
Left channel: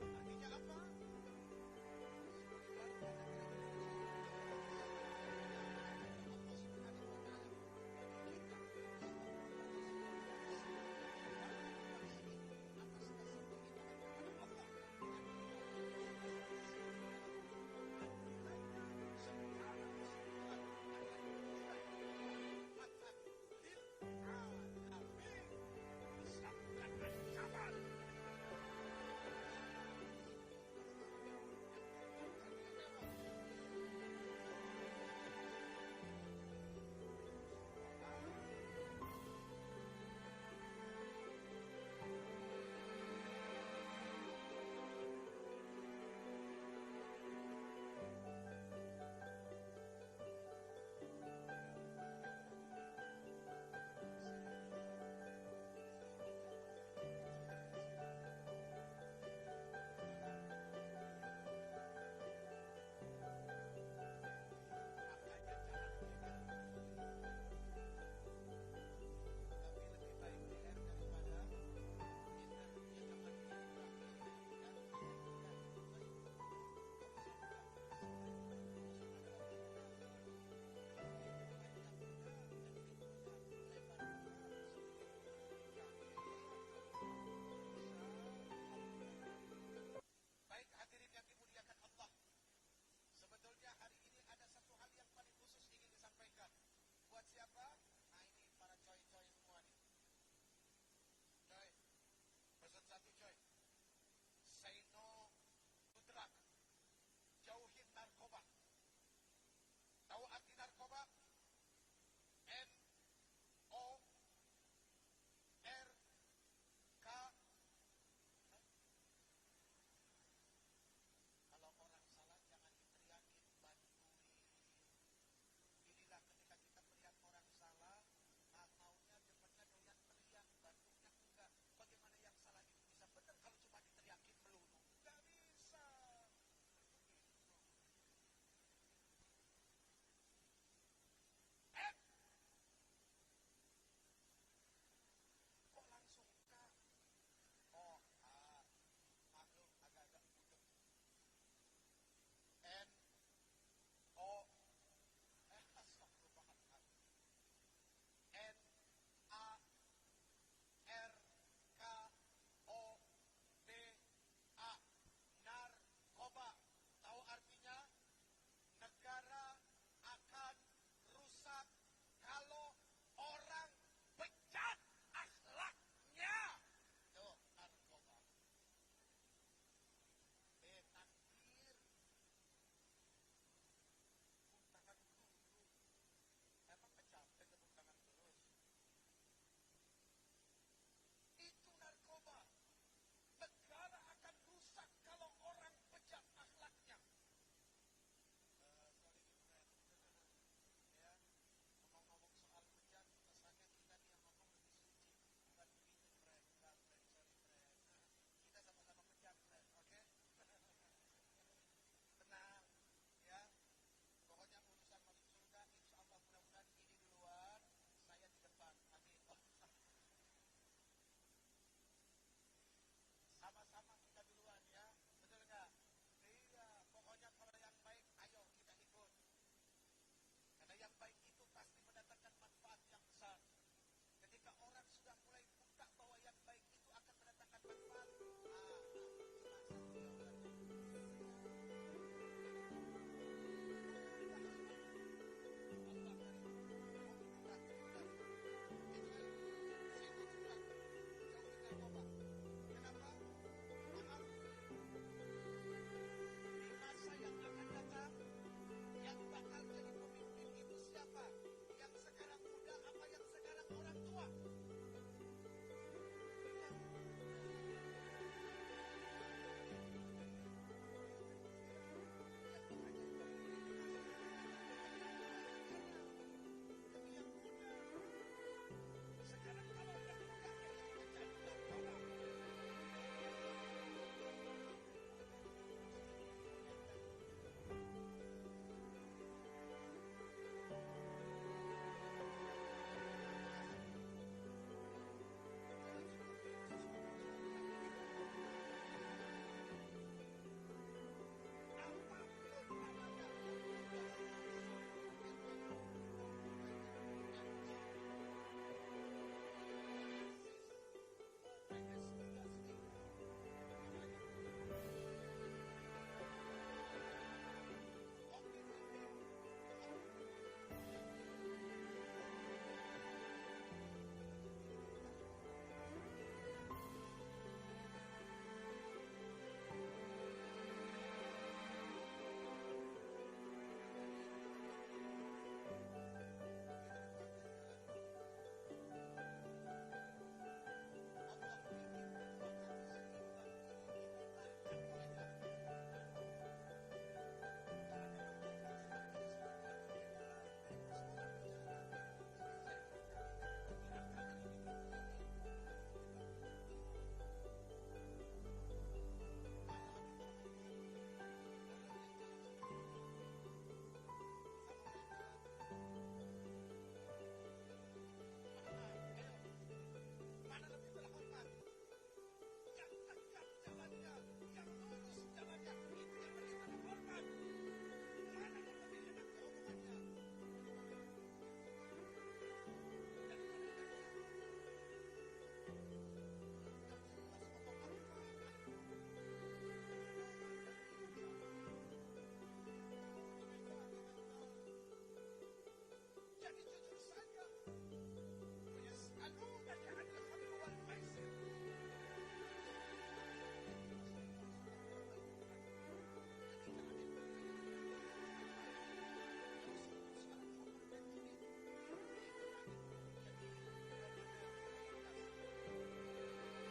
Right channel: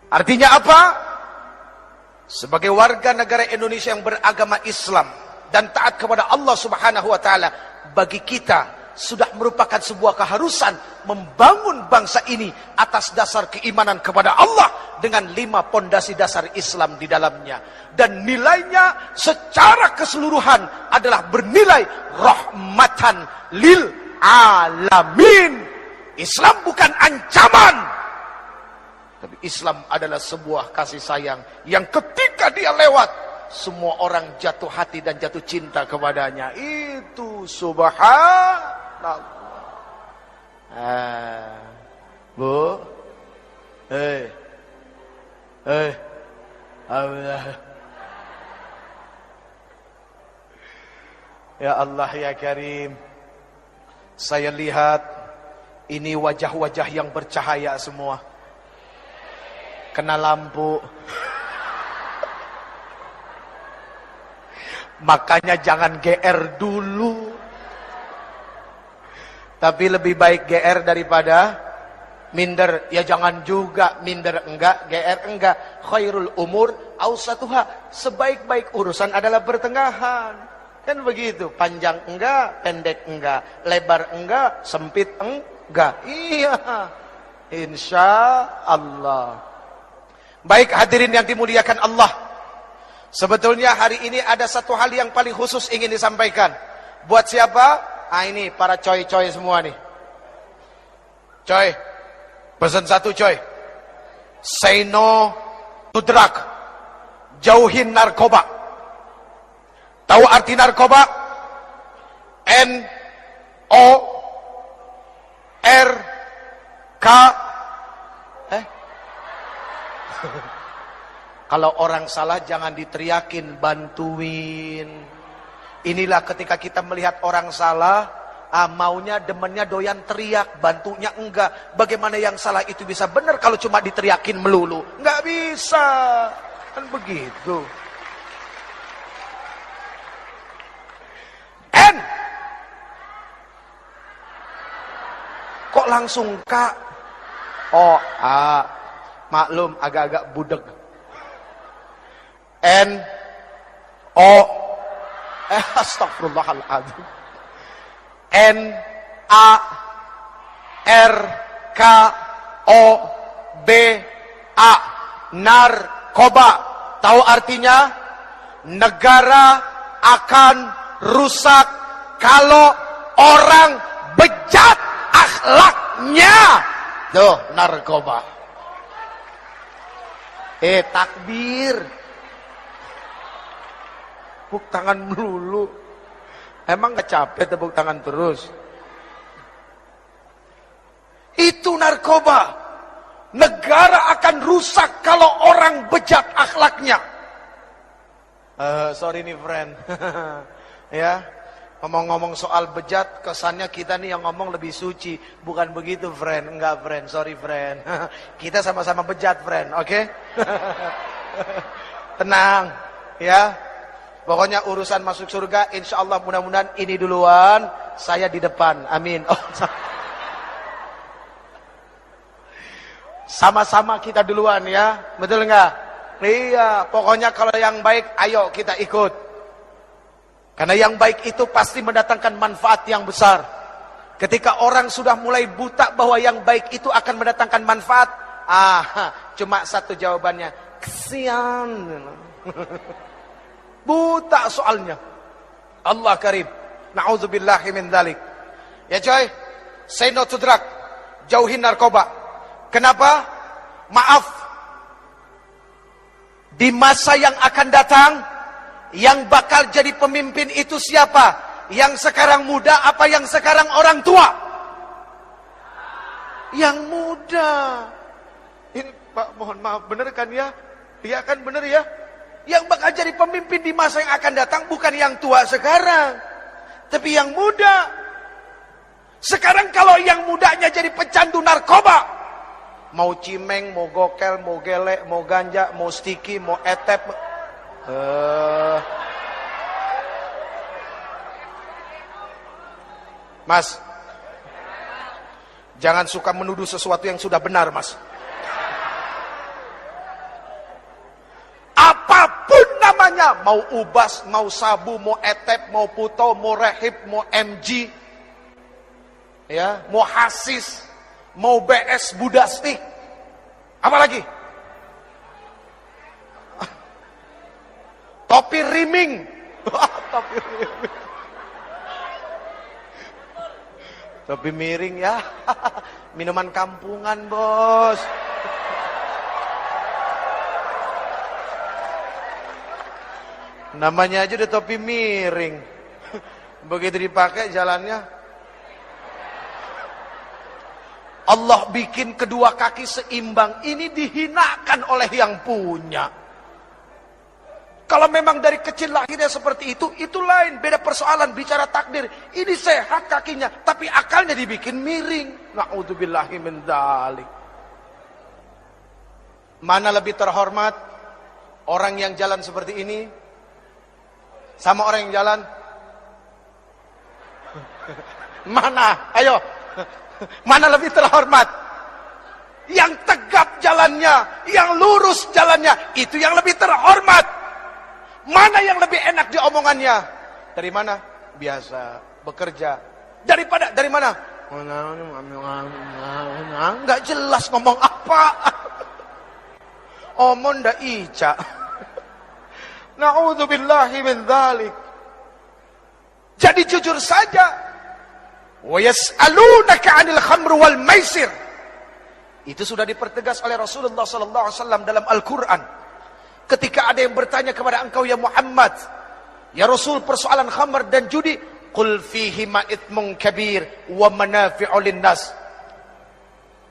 Artinya apa? Sebagai warga negara Indonesia yang beragama Islam dan taat kepada Allah Subhanahu wa taala, bagi kita sudah merupakan sebuah keharusan membangun bangsa ini atas dasar keimanan kepada Allah dengan 5 pondasi dasar Islam di dalamnya. Dan nilainya secara keseluruhan adalah bernilai rahmatan lil alamin. Islam bukan ancaman, tapi Islam adalah sebuah kasih sayang yang ketika dia lewat, semua orang jatuh hati dan jatuh cinta kepadanya. Itu subhanallah. Bu, Allah. Ya Allah ya Karim, saya lihat ini wajah-wajah yang bercahaya semua. Kena lampu. Makanya jangan GR dulu. Tapi lebih baik GR daripada minder. Ya jangan juga minder enggak, GR enggak. Khairul umur awsatuha. Sebaik-baik urusan adalah pertengahan. Kan begitu. Panjang enggak, pendek enggak, lebar enggak, sempit enggak. Iya. Insya Allah. Baik hadirin yang dimuliakan Allah. Sebetulnya hari ini ada satu hal yang paling khusus ingin disampaikan. Buat siapa? Ah ini para coy-coy semua nih. Coy, pesan satu coy. Say no to drug. Jauhin narkoba. Tahu arti narkoba? N-O-R-K. Kalau orang salah jangan diteriakin, bantuin. Inilah ketika kita melihat orang salah, maunya demennya doyan teriak, bantunya enggak. Bagaimana yang salah itu bisa benar kalau cuma diteriakin melulu? Enggak bisa. Kan begitu. N. Kok langsung K? Oh, A. Maklum agak-agak budeg. N O astagfirullahaladzim. N A R K O B A. Narkoba. Tahu artinya? Negara akan rusak kalau orang bejat akhlaknya. Tuh, narkoba. Takbir. Tepuk tangan melulu. Emang gak capek tepuk tangan terus? Itu narkoba. Negara akan rusak kalau orang bejat akhlaknya. Sorry nih friend. Ya, ngomong-ngomong soal bejat, kesannya kita nih yang ngomong lebih suci. Bukan begitu friend. Enggak friend, sorry friend. Kita sama-sama bejat friend, oke? Okay? Tenang, ya. Pokoknya urusan masuk surga, insya Allah mudah-mudahan ini duluan, saya di depan. Amin. Oh, sama-sama kita duluan ya, betul nggak? Iya, pokoknya kalau yang baik, ayo kita ikut. Karena yang baik itu pasti mendatangkan manfaat yang besar. Ketika orang sudah mulai buta bahwa yang baik itu akan mendatangkan manfaat, cuma satu jawabannya, kesian. Buta soalnya. Allah karim. Na'udzubillahi min dzalik. Ya coy, say no to drug. Jauhin narkoba. Kenapa? Maaf. Di masa yang akan datang, yang bakal jadi pemimpin itu siapa? Yang sekarang muda apa yang sekarang orang tua? Yang muda. Ini Pak mohon maaf, bener kan ya? Iya kan bener ya? Yang bakal jadi pemimpin di masa yang akan datang bukan yang tua sekarang, tapi yang muda. Sekarang kalau yang mudanya jadi pecandu narkoba, mau cimeng, mau gokel, mau gelek, mau ganja, mau stiki, mau etep, Mas, jangan suka menuduh sesuatu yang sudah benar, Mas. Apapun namanya, mau ubas, mau sabu, mau etep, mau puto, mau rehib, mau MG, ya, mau hasis, mau BS Budastik, apalagi topi riming. Topi riming, topi miring ya. Minuman kampungan, bos. Namanya aja udah topi miring. Begitu dipakai jalannya. Allah bikin kedua kaki seimbang. Ini dihinakan oleh yang punya. Kalau memang dari kecil lahirnya seperti itu lain. Beda persoalan, bicara takdir. Ini sehat kakinya, tapi akalnya dibikin miring. Na'udzubillahi min dzalik. Mana lebih terhormat? Orang yang jalan seperti ini sama orang yang jalan? Mana? Ayo. Mana lebih terhormat? Yang tegap jalannya, yang lurus jalannya, itu yang lebih terhormat. Mana yang lebih enak diomongannya? Dari mana? Biasa, bekerja. Dari mana? Enggak jelas ngomong apa. Omong ndak ica. Na'udzubillahi min dzalik. Jadi jujur saja. Wa yas'alunaka 'anil khamr wal maisir. Itu sudah dipertegas oleh Rasulullah sallallahu alaihi wasallam dalam Al-Qur'an. Ketika ada yang bertanya kepada engkau ya Muhammad, ya Rasul, persoalan khamr dan judi, qul fihima itsmun kabir wa manafi'u linnas.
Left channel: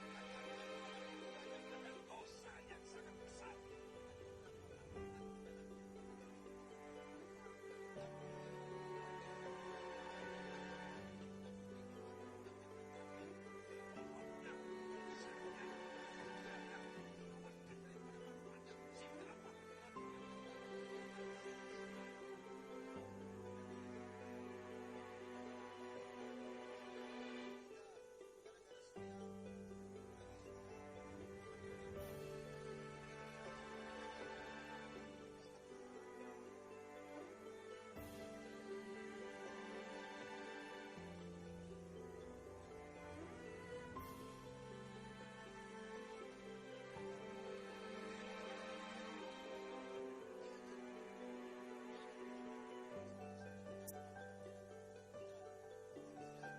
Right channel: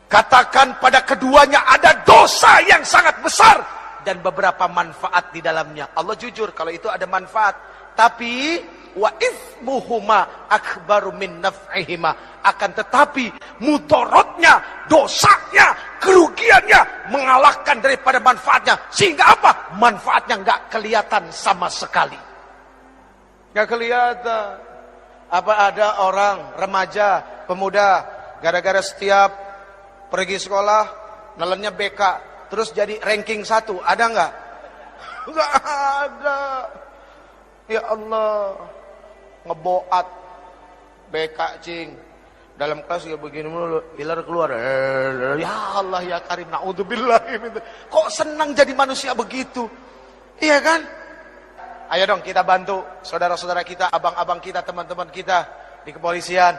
Katakan pada keduanya ada dosa yang sangat besar dan beberapa manfaat di dalamnya. Allah jujur kalau itu ada manfaat, tapi wa itsmuhuma akbaru min naf'ihima. Akan tetapi mudaratnya, dosanya, kerugiannya mengalahkan daripada manfaatnya. Sehingga apa? Manfaatnya nggak kelihatan sama sekali. Nggak kelihatan. Apa ada orang remaja, pemuda, gara-gara setiap pergi sekolah nelennya BK, terus jadi ranking 1, ada nggak? Nggak ada. Ya Allah, ngeboat BK cing. Dalam kelas ya begini mulu, pilar keluar. Ya Allah ya Karim, naudzubillah. Kok senang jadi manusia begitu? Iya kan? Ayo dong kita bantu saudara-saudara kita, abang-abang kita, teman-teman kita di kepolisian.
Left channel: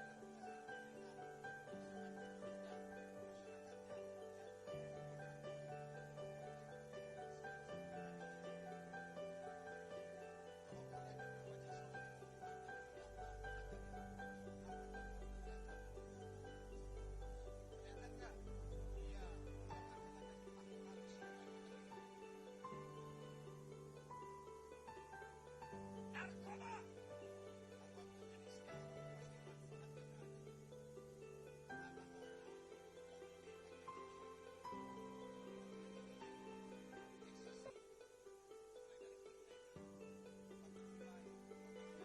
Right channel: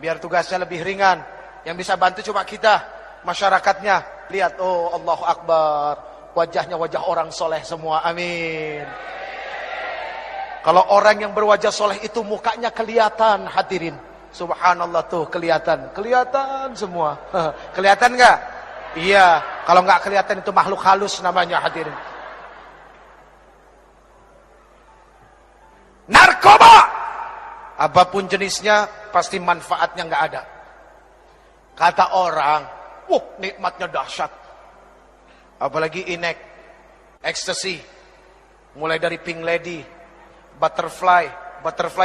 Biar tugasnya lebih ringan. Yang bisa bantu cuma kita, masyarakatnya. Lihat, oh Allahu Akbar. Wajahnya wajah orang soleh semua, amin. Kalau orang yang berwajah soleh itu mukanya kelihatan, hadirin. Subhanallah tuh kelihatan semua. Kelihatan nggak? Iya, kalau nggak kelihatan itu makhluk halus namanya, hadirin. Narkoba, apapun jenisnya pasti manfaatnya nggak ada. Kata orang, nikmatnya dahsyat. Apalagi inek, ecstasy, mulai dari pink lady, butterfly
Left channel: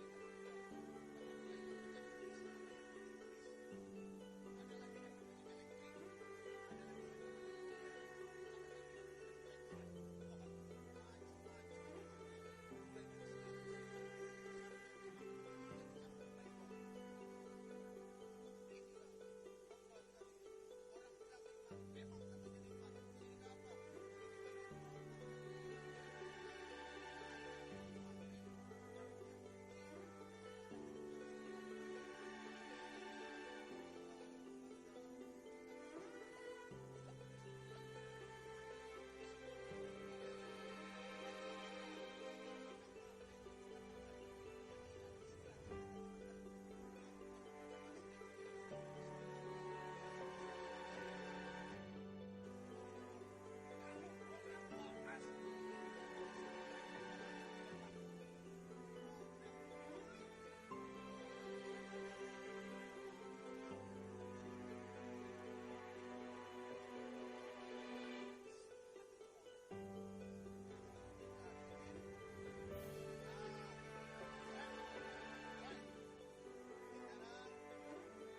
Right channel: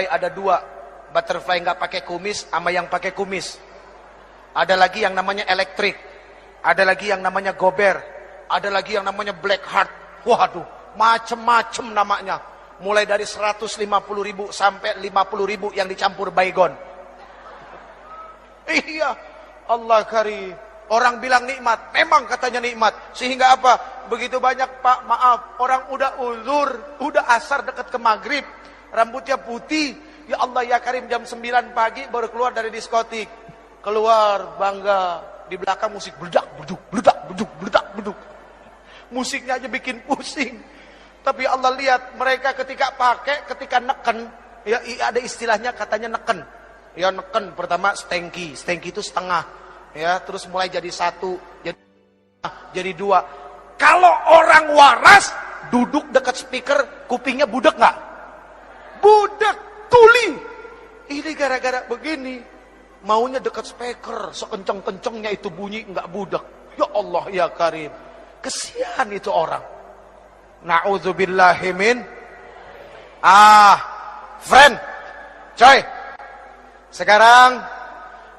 ada 2. Butterfly nggak pakai kumis sama yang pakai kumis. Ada lagi yang namanya elektrik. Ada lagi yang namanya gober. Ada lagi yang namanya black heart. Waduh, macem-macem namanya. Mulai dari 150.000 sampai 50.000 yang dicampur baygon. Iya, Allah karim. Orang bilang nikmat, memang katanya nikmat. Sehingga apa? Begitu banyak, Pak, maaf, orang udah uzur, udah asar dekat ke maghrib, rambutnya putih. Ya Allah ya Karim, jam 9 pagi baru keluar dari diskotik. Keluar bangga, di belakang musik beledak, beduk. Musiknya aja bikin pusing. Tapi Allah lihat mereka ketika pakai, ketika neken, ya ada istilahnya katanya neken. Ya neken, pertama stengki itu setengah. Ya, terus mulai jadi 1, jadi 2. Kalau orang waras duduk dekat speaker, kupingnya budek nggak? Budek, tuli. Ini gara-gara begini, maunya dekat speaker, sekenceng-kencengnya itu bunyi nggak budek. Ya Allah ya Karim, kesian itu orang. Na'udzubillahi min. Friend, coy. Sekarang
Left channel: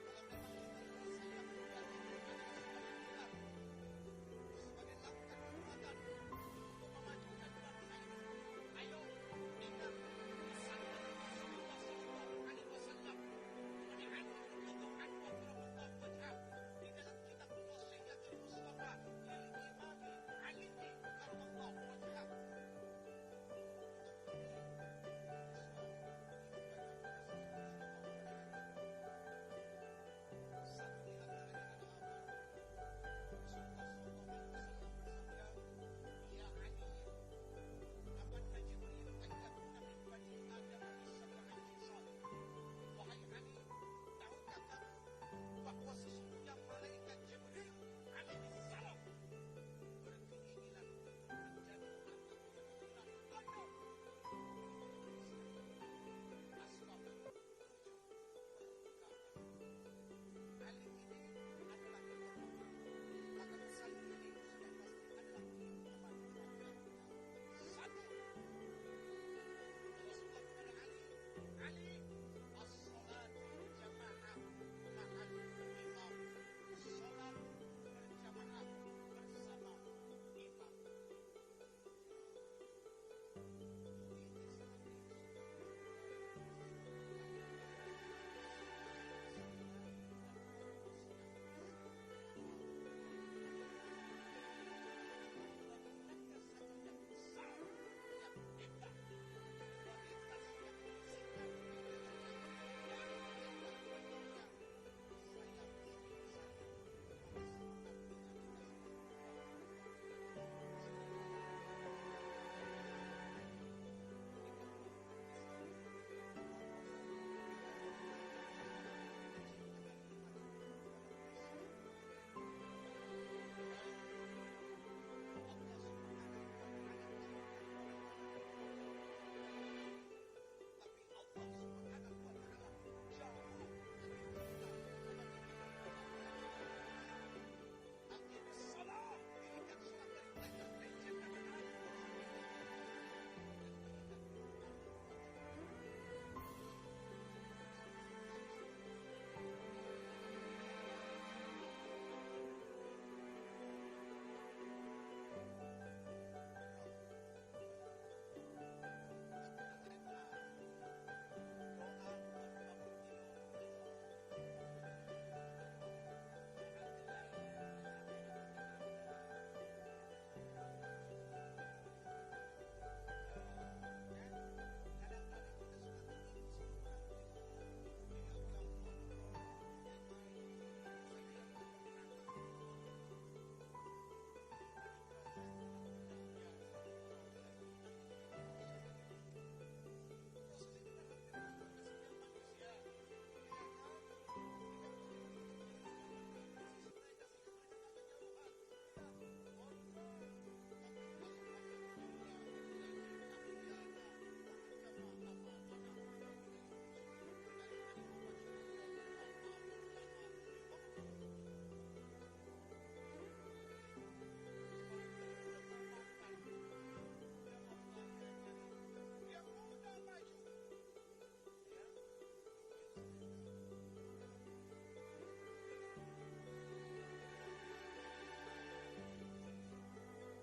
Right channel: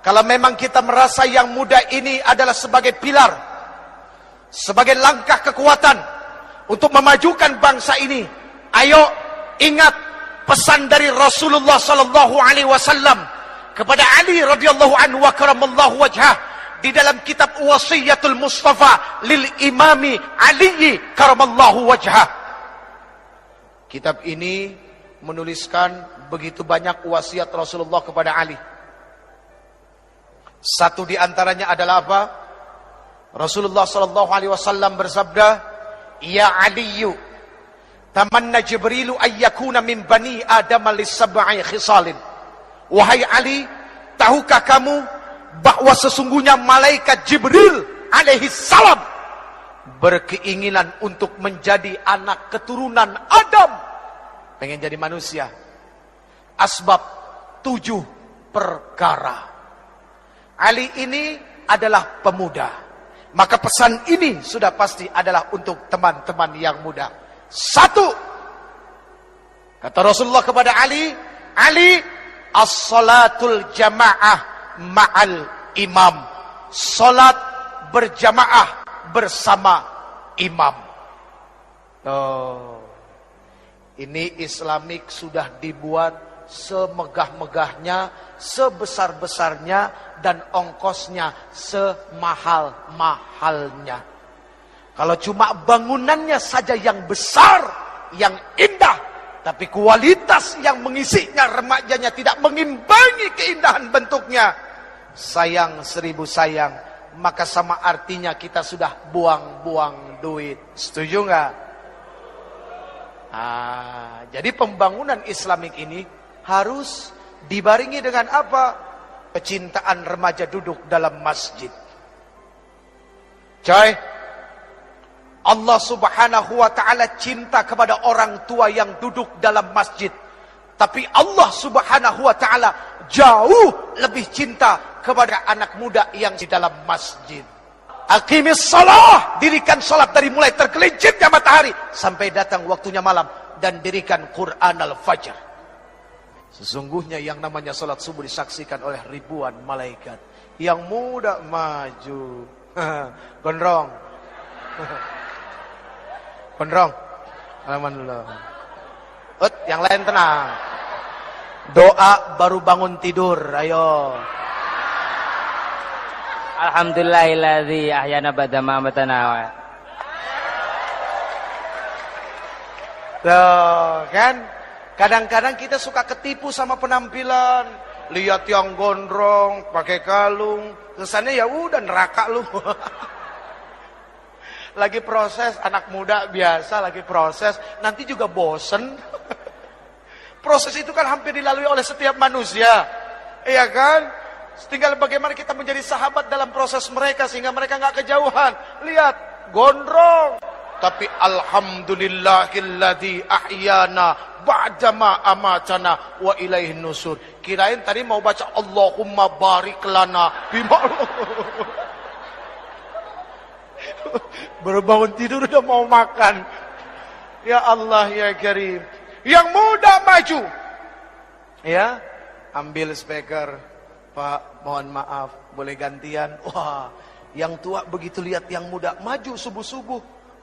kalau memang kita merasa yang muda ini adalah sebagai pilar, sebagai langkah kekuatan untuk memajukan bangsa ini, ayo ingat pesan dari Rasulullah sallallahu alaihi wasallam kepada Ali radhiyallahu anhu wa karamallahu wajhah. di dalam kitab Wasiyatul Mustafa lil Imami Ali karamallahu wajhah. Kitab ini menuliskan begitu banyak wasiat Rasulullah kepada Ali. Satu di antaranya adalah apa? Rasulullah sallallahu alaihi wasallam bersabda, "Ya Aliyu, tamanna Jibrilu ayyakuna min bani Adam lis-sab'i khisalin." Wahai Ali, tahukah kamu bahwa sesungguhnya malaikat Jibril alaihi salam berkeinginan untuk menjadi anak keturunan Adam, pengen jadi manusia. Asbab 7 perkara. Ali ini adalah pemuda, maka pesan ini sudah pasti adalah untuk teman-teman yang muda. 1, kata Rasulullah kepada Ali, Ali, as-salatul jamaah ma'al imam. Salat berjamaah bersama imam. Oh, ini Islamik sudah dibuat semegah-megahnya, sebesar-besarnya, dan ongkosnya semahal-mahalnya. Kalau cuma bangunannya saja yang besar, yang indah, tapi kualitas yang mengisinya, remajanya tidak mengimbangi keindahan bentuknya, sayang 1000 sayang, maka sama artinya kita sudah buang-buang duit. Setuju nggak? Jadi pembangunan Islamik ini harus dibarengi dengan apa? Kecintaan remaja duduk dalam masjid. Coy, Allah subhanahu wa ta'ala cinta kepada orang tua yang duduk dalam masjid. Tapi Allah subhanahu wa ta'ala jauh lebih cinta kepada anak muda yang di dalam masjid. Aqimis salah, dirikan salat dari mulai tergelincirnya matahari sampai datang waktunya malam, dan dirikan Quran al-Fajr. Sesungguhnya yang namanya salat subuh disaksikan oleh ribuan malaikat. Yang muda maju. Gondrong. Gondrong. Alhamdulillah. Yang lain tenang. Doa baru bangun tidur. Ayo. Alhamdulillahilladzi ahyana ba'da ma amatana. Tuh, kan? Kadang-kadang kita suka ketipu sama penampilan. Lihat yang gondrong, pakai kalung, kesannya ya udah neraka lu. Lagi proses, anak muda biasa lagi proses, nanti juga bosen. Proses itu kan hampir dilalui oleh setiap manusia. Iya kan? Tinggal bagaimana kita menjadi sahabat dalam proses mereka sehingga mereka nggak kejauhan. Lihat, gondrong. Tapi alhamdulillahilladzi ahyana ba'dama amatana wa ilaihin nusur. Kirain tadi mau baca Allahumma barik lana bima. Baru bangun tidur udah mau makan. Ya Allah ya Karim. Yang muda maju. Ya, ambil speaker. Pak, mohon maaf, boleh gantian? Wah, yang tua begitu lihat yang muda maju subuh-subuh.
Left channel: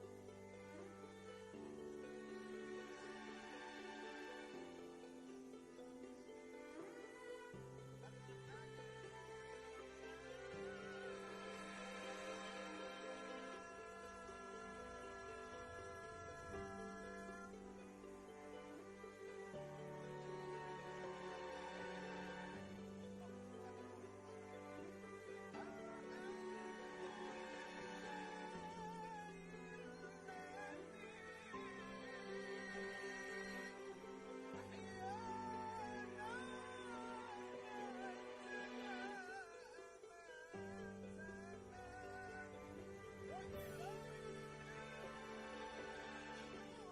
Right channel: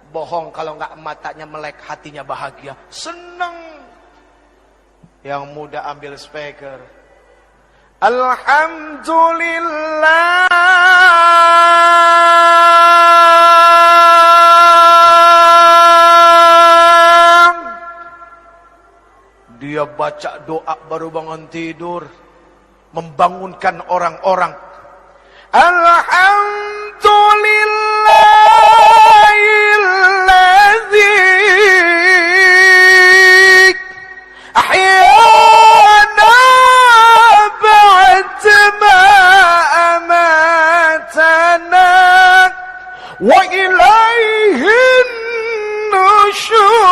Bohong kalau nggak matanya melek, hatinya bahagia, seneng. Yang muda ambil speaker. Alhamdulillah. Dia baca doa baru bangun tidur, membangunkan orang-orang. Alhamdulillahilladzi ahyana ba'dama amatana wa ilaihin nusyur.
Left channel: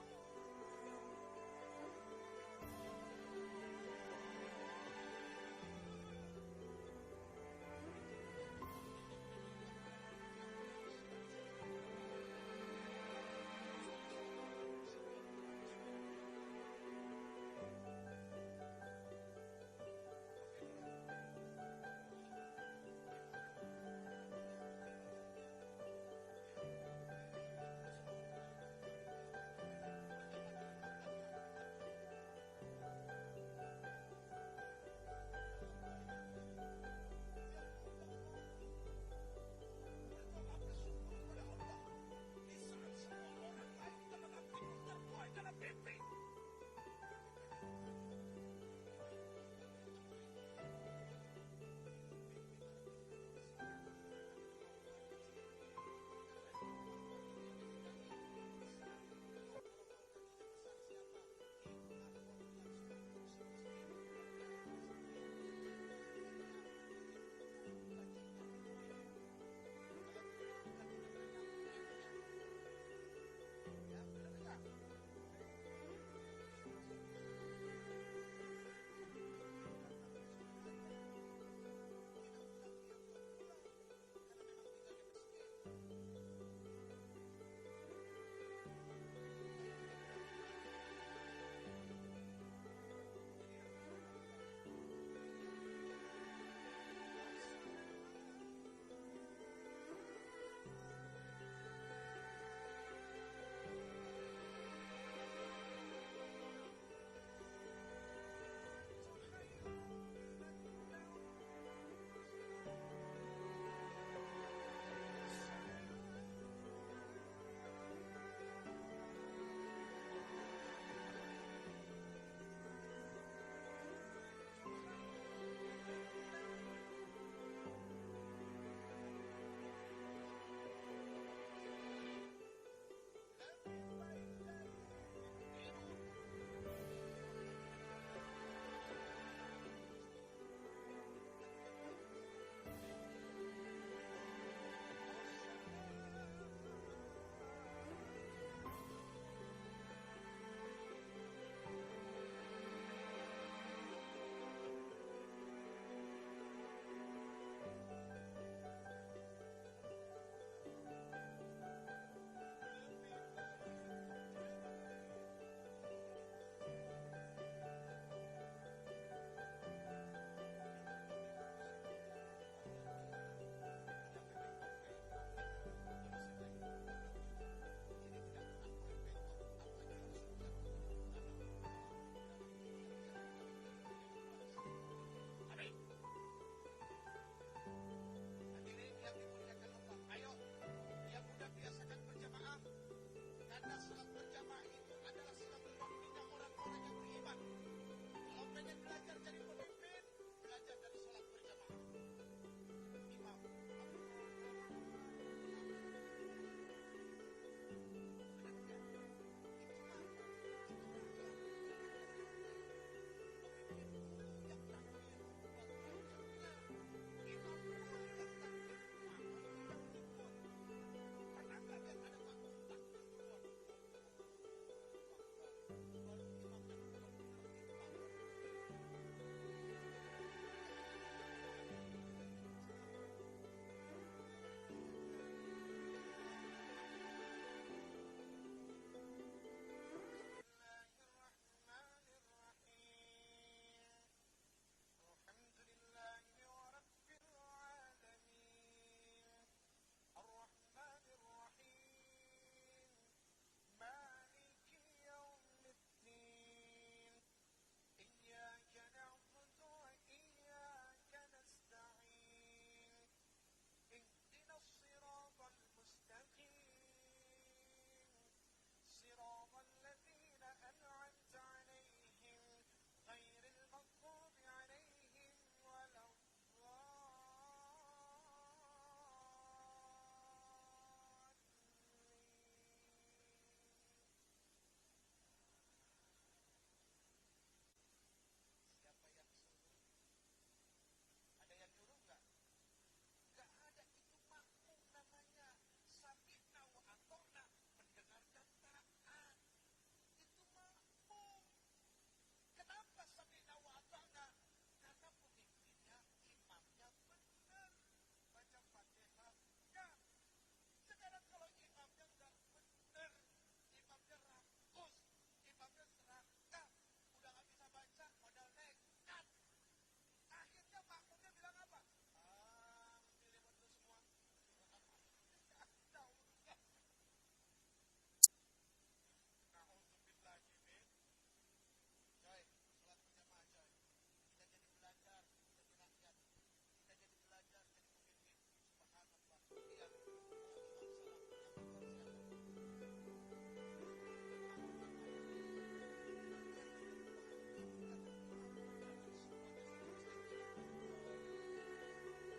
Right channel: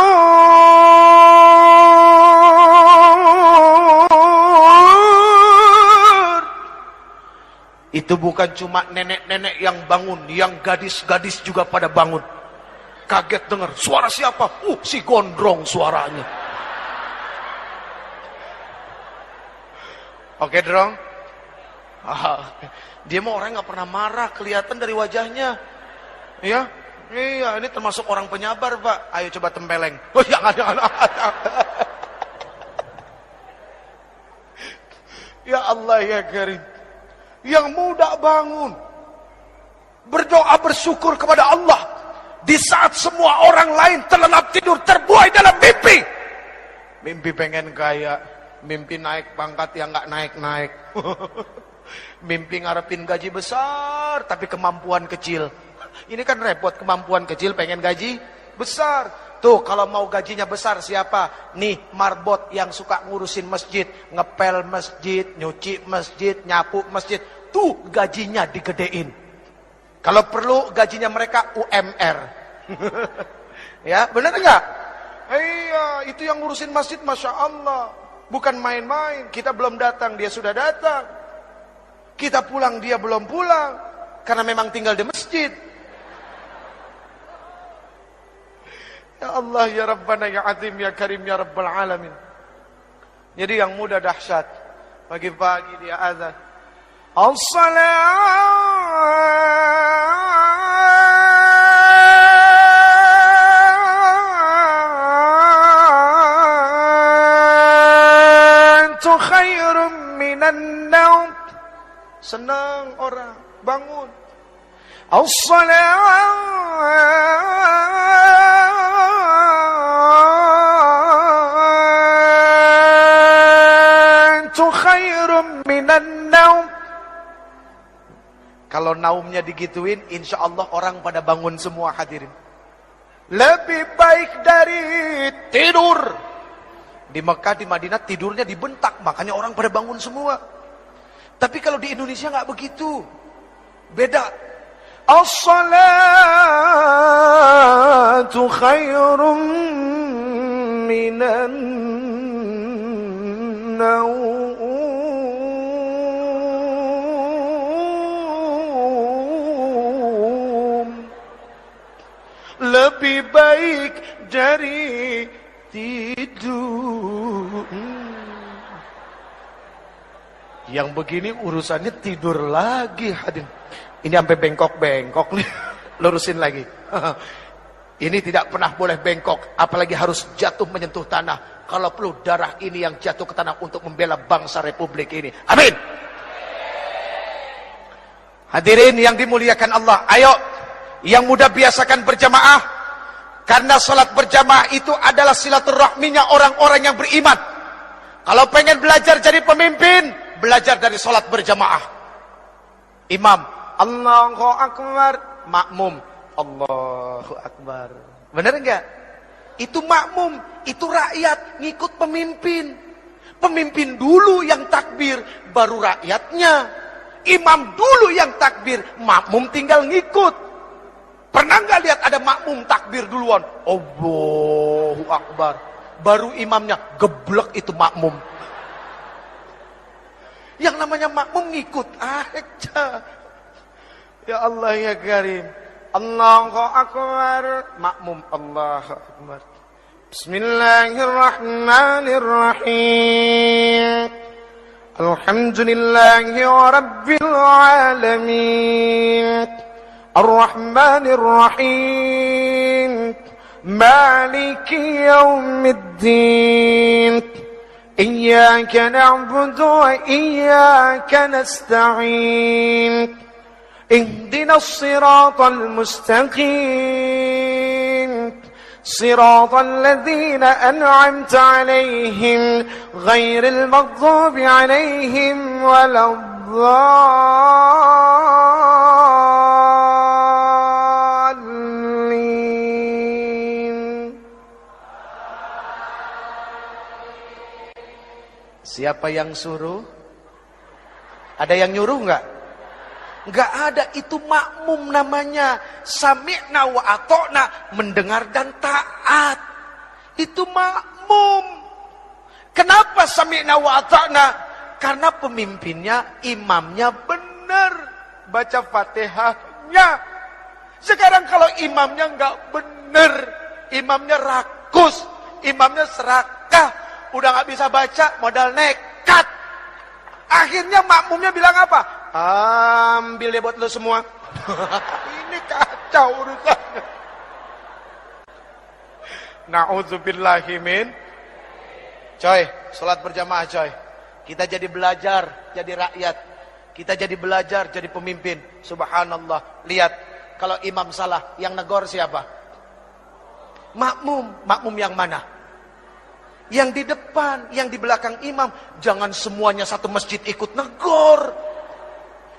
Itu bukan cuma nenek-nenek yang bangun, yang gadis-gadis juga pada bangun. Kaget dengar, suara siapa? Si gondrong suaranya. Oke, Drong. Dia mah orang nggak pernah marah, kelihatan dari wajahnya. Ya, iya, ini termasuk orang penyabar, Pak. Ayo coba tempeleng. Oh, jangan. Ya Allah ya Karim. Yang muda bangun. Berdoa bersyukur kepada Allah di saat semua orang lain terlelap tidur, terbuai dalam mimpi. Mimpi pengen kaya, mimpi naik pangkat yang nggak naik-naik. Mimpi ngarepin gaji besar tapi kemampuan kecil. Ini kan repot, kemampuan kecil pengen gaji besar. Tuh kalau mau gajinya besar siapa? Nih marbot yang suka ngurusin masjid, ngepel masjid, nyuci masjid, nyapu masjid. Tuh gajinya digedein. Kalau perlu gajinya mereka UMR. Ya benar enggak? Iya, itu yang ngurusin masjid, Masya Allah. Bukan main-main. Kita belum datang, dia sudah datang. Kita pulang, dia belum pulang. Karena memang tinggal di masjid. Ya Allah, ya Rabbana, ya Azim, ya Karim, ya Rabbal Alamin. Jadi yang muda dahsyat. Pagi-pagi dia azan. As-salatu khairum minan naum. Senang orang bangun. As-salatu khairum minan naum. Kalau naumnya digituin, insya Allah orang pada bangun semua, hadirin. Lebih baik dari tidur. Di Mekah, di Madinah tidurnya dibentak, makanya orang pada bangun semua. Tapi kalau di Indonesia nggak begitu, beda. As-salatu khairum minan naum. Lebih baik dari tidur. Yang begini urusannya tidur lagi, hadirin. Ini sampai bengkok-bengkok nih. Lurusin lagi. Ini tidak pernah boleh bengkok, apalagi harus jatuh menyentuh tanah. Kalau perlu darah ini yang jatuh ke tanah untuk membela bangsa Republik ini. Amin. Hadirin yang dimuliakan Allah, ayo yang muda biasakan berjamaah. Karena salat berjamaah itu adalah silaturahminya orang-orang yang beriman. Kalau pengen belajar jadi pemimpin, belajar dari salat berjamaah. Imam, Allahu Akbar, makmum, Allahu Akbar. Benar enggak? Itu makmum, itu rakyat ngikut pemimpin. Pemimpin dulu yang takbir, baru rakyatnya. Imam dulu yang takbir, makmum tinggal ngikut. Pernah nggak lihat ada makmum takbir duluan? Allahu Akbar. Baru imamnya geblek itu makmum. Yang namanya makmum ngikut aja. Ya Allah ya Karim. Allahu Akbar. Makmum Allahu Akbar. Bismillahirrahmanirrahim. Alhamdulillahi Rabbil Alamin. الرحمن الرحيم مالك يوم الدين إياك نعبد وإياك نستعين اهدنا الصراط المستقيم صراط الذين أنعمت عليهم غير المغضوب عليهم ولا Siapa yang suruh? Ada yang nyuruh enggak? Enggak ada, itu makmum namanya. Sami'na wa ata'na, mendengar dan taat. Itu makmum. Kenapa sami'na wa ata'na? Karena pemimpinnya, imamnya benar baca Fatihahnya. Sekarang kalau imamnya enggak benar, imamnya rakus, imamnya serakah, udah nggak bisa baca, modal nekat. Akhirnya makmumnya bilang apa? Ambil deh buat lo semua. Ini kacau urusannya. Na'udzubillahimin. Coy, sholat berjamaah coy. Kita jadi belajar, jadi rakyat. Kita jadi belajar, jadi pemimpin. Subhanallah. Lihat, kalau imam salah, yang negor siapa? Makmum. Makmum yang mana? Yang di depan, yang di belakang imam. Jangan semuanya satu masjid ikut negor.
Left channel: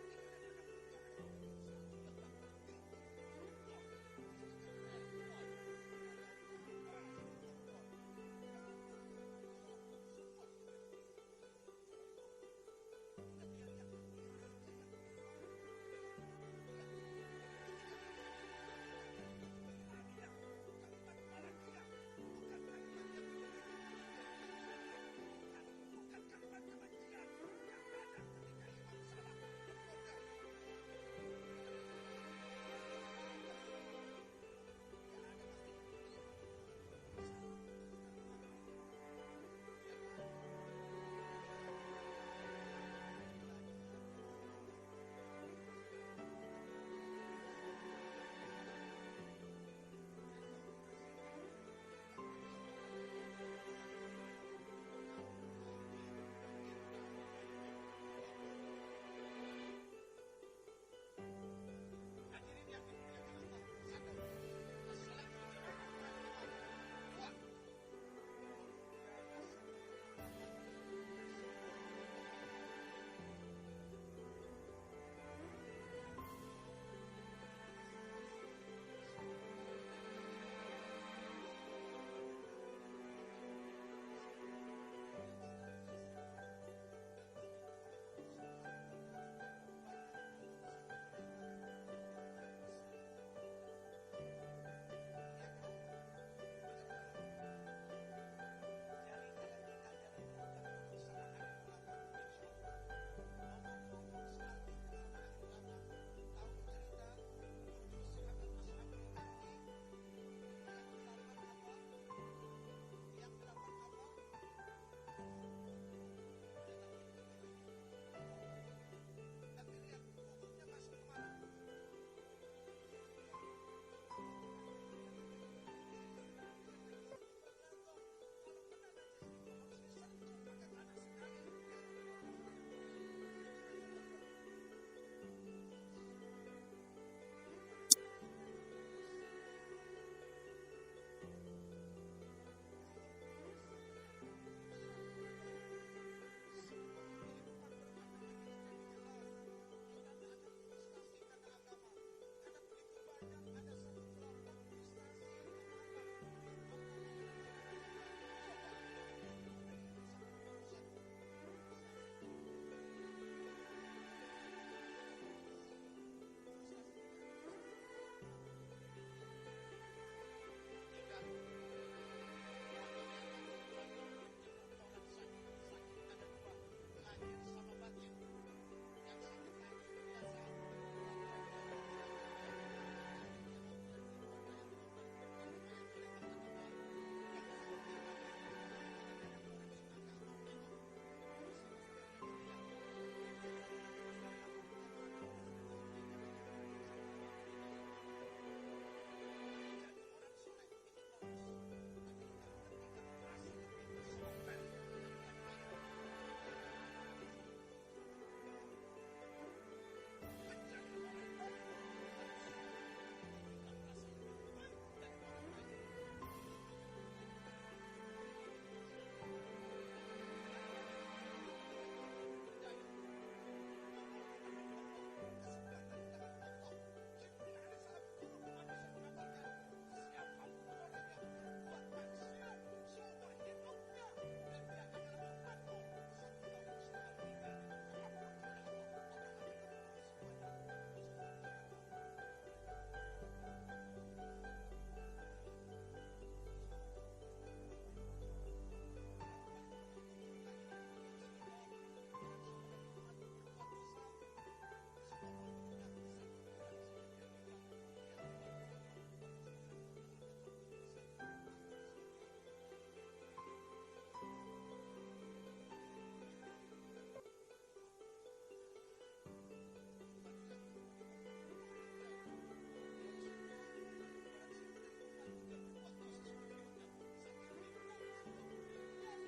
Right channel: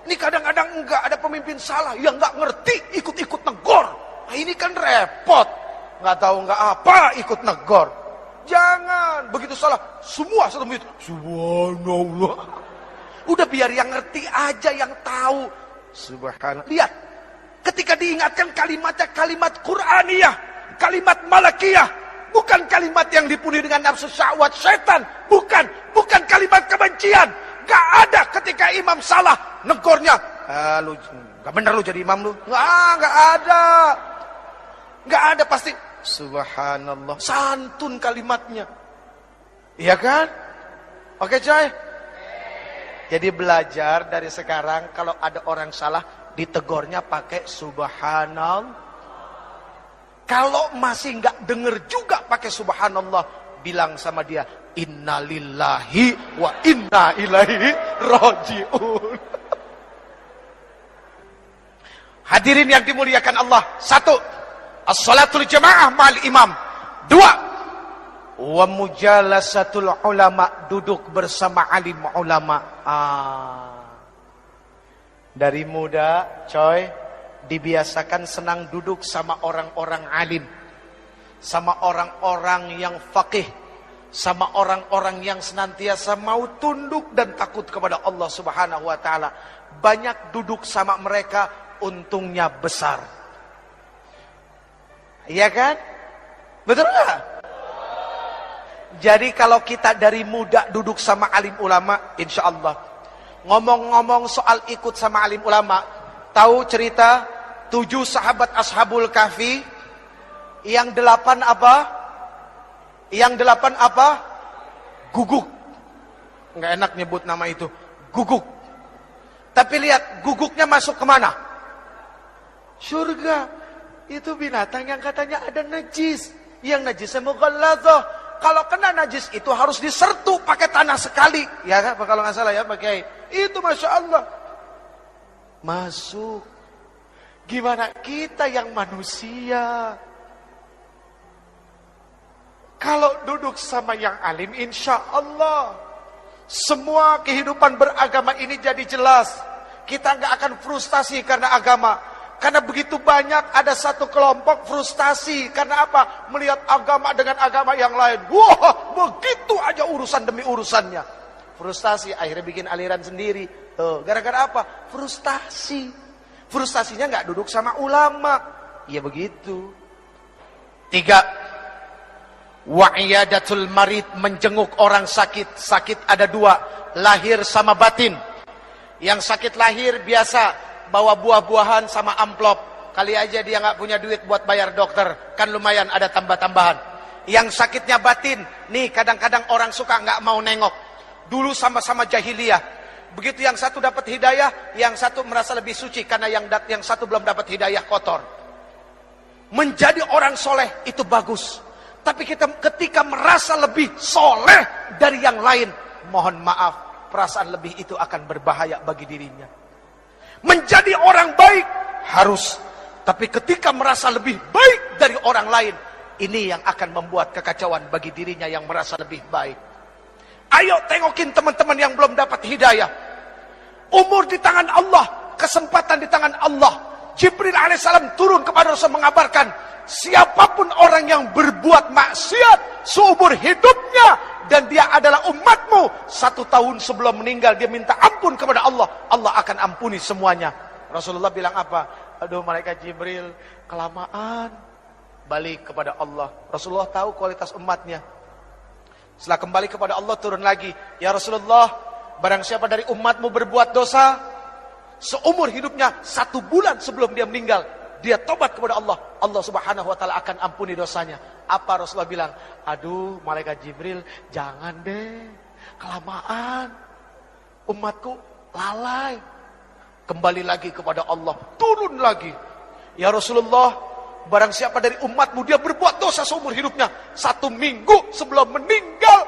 Ini kadang-kadang enggak ada pemimpin salah, yang enggak ngerti ikut-ikut negor. Nah, ini kan repot. Enggak tahu enggak apa ikut negor. Jangan, begitu salah, semua satu masjid. Subhanallah. Udah biar yang ngerti aja, yang tahu. Subhanallah. Lihat, ketika diingatkan kalimatnya kalimat Qur'aniyah, kalimat Malakiyah, bukan kalimat yang dipenuhi dengan nafsu syahwat setan, bukan kalimat kebencian. Gak ada ketika imam salah negornya. Lu gak bener lu jadi imam lu. Gak ada. Gak ada, pasti subhanallah, santun kalimatnya. Iya kan? Oke coy. Jadi belajar dari sekarang, kalau ada orang salah, ditegornya pakai subhanallah. Kalau masih nggak denger juga pakai subhanallah, bilang sama dia, innalillahi wa inna ilaihi rajiun. Hadirin yang dimuliakan Allah. 1. As-salatul jamaah ma'al imam. 2. Wa mujalasatul ulama, duduk bersama alim ulama. Dari muda, coy, dibiasakan senang duduk sama orang-orang alim, sama orang-orang yang faqih, sama orang-orang yang senantiasa mau tunduk dan takut kepada Allah Subhanahu wa taala. Banyak duduk sama mereka, untungnya besar. Iya kan? Betul enggak? Jadi kalau kita dari muda duduk sama alim ulama, insya Allah. Ngomong-ngomong soal ikut sama alim ulama, tahu cerita 7 sahabat Ashabul Kahfi? Yang 8 apa? Yang 8 apa? Guguk. Nggak enak nyebut nama itu. Guguk. Tapi lihat, guguknya masuk kemana? Surga. Itu binatang yang katanya ada najis. Yang najisnya mughalladzah. Kalau kena najis itu harus disertu pakai tanah sekali. Ya kan? Kalau nggak salah ya pakai. Itu Masya Allah. Masuk. Gimana kita yang manusia? Kalau duduk sama yang alim, insya Allah semua kehidupan beragama ini jadi jelas. Kita nggak akan frustasi karena agama. Karena begitu banyak ada satu kelompok frustasi. Karena apa? Melihat agama dengan agama yang lain. Wah, begitu aja urusan demi urusannya. Frustasi, akhirnya bikin aliran sendiri. Tuh, gara-gara apa? Frustasi. Frustasinya nggak duduk sama ulama. Ya begitu. 3. Wa'iyadatul marid, menjenguk orang sakit. Sakit ada 2, lahir sama batin. Yang sakit lahir biasa bawa buah-buahan sama amplop. Kali aja dia nggak punya duit buat bayar dokter, kan lumayan ada tambah-tambahan. Yang sakitnya batin, nih kadang-kadang orang suka nggak mau nengok. Dulu sama-sama jahiliyah. Begitu yang satu dapat hidayah, yang satu merasa lebih suci karena yang satu belum dapat hidayah, kotor. Menjadi orang soleh itu bagus. Tapi kita ketika merasa lebih soleh dari yang lain, mohon maaf, perasaan lebih itu akan berbahaya bagi dirinya. Menjadi orang baik harus, tapi ketika merasa lebih baik dari orang lain, ini yang akan membuat kekacauan bagi dirinya yang merasa lebih baik. Ayo tengokin teman-teman yang belum dapat hidayah. Umur di tangan Allah, kesempatan di tangan Allah. Jibril alaihissalam turun kepada Rasul mengabarkan, siapapun orang yang berbuat maksiat seumur hidupnya dan dia adalah umatmu, 1 tahun sebelum meninggal dia minta ampun kepada Allah, Allah akan ampuni semuanya. Rasulullah bilang apa? Aduh malaikat Jibril, kelamaan. Balik kepada Allah. Rasulullah tahu kualitas umatnya. Setelah kembali kepada Allah, turun lagi. Ya Rasulullah, barang siapa dari umatmu berbuat dosa, seumur hidupnya 1 bulan sebelum dia meninggal, dia tobat kepada Allah, Allah Subhanahu wa taala akan ampuni dosanya. Apa Rasulullah bilang? Aduh malaikat Jibril, jangan deh, kelamaan, umatku lalai. Kembali lagi kepada Allah, turun lagi. Ya Rasulullah, barang siapa dari umatmu dia berbuat dosa seumur hidupnya, 1 minggu sebelum meninggal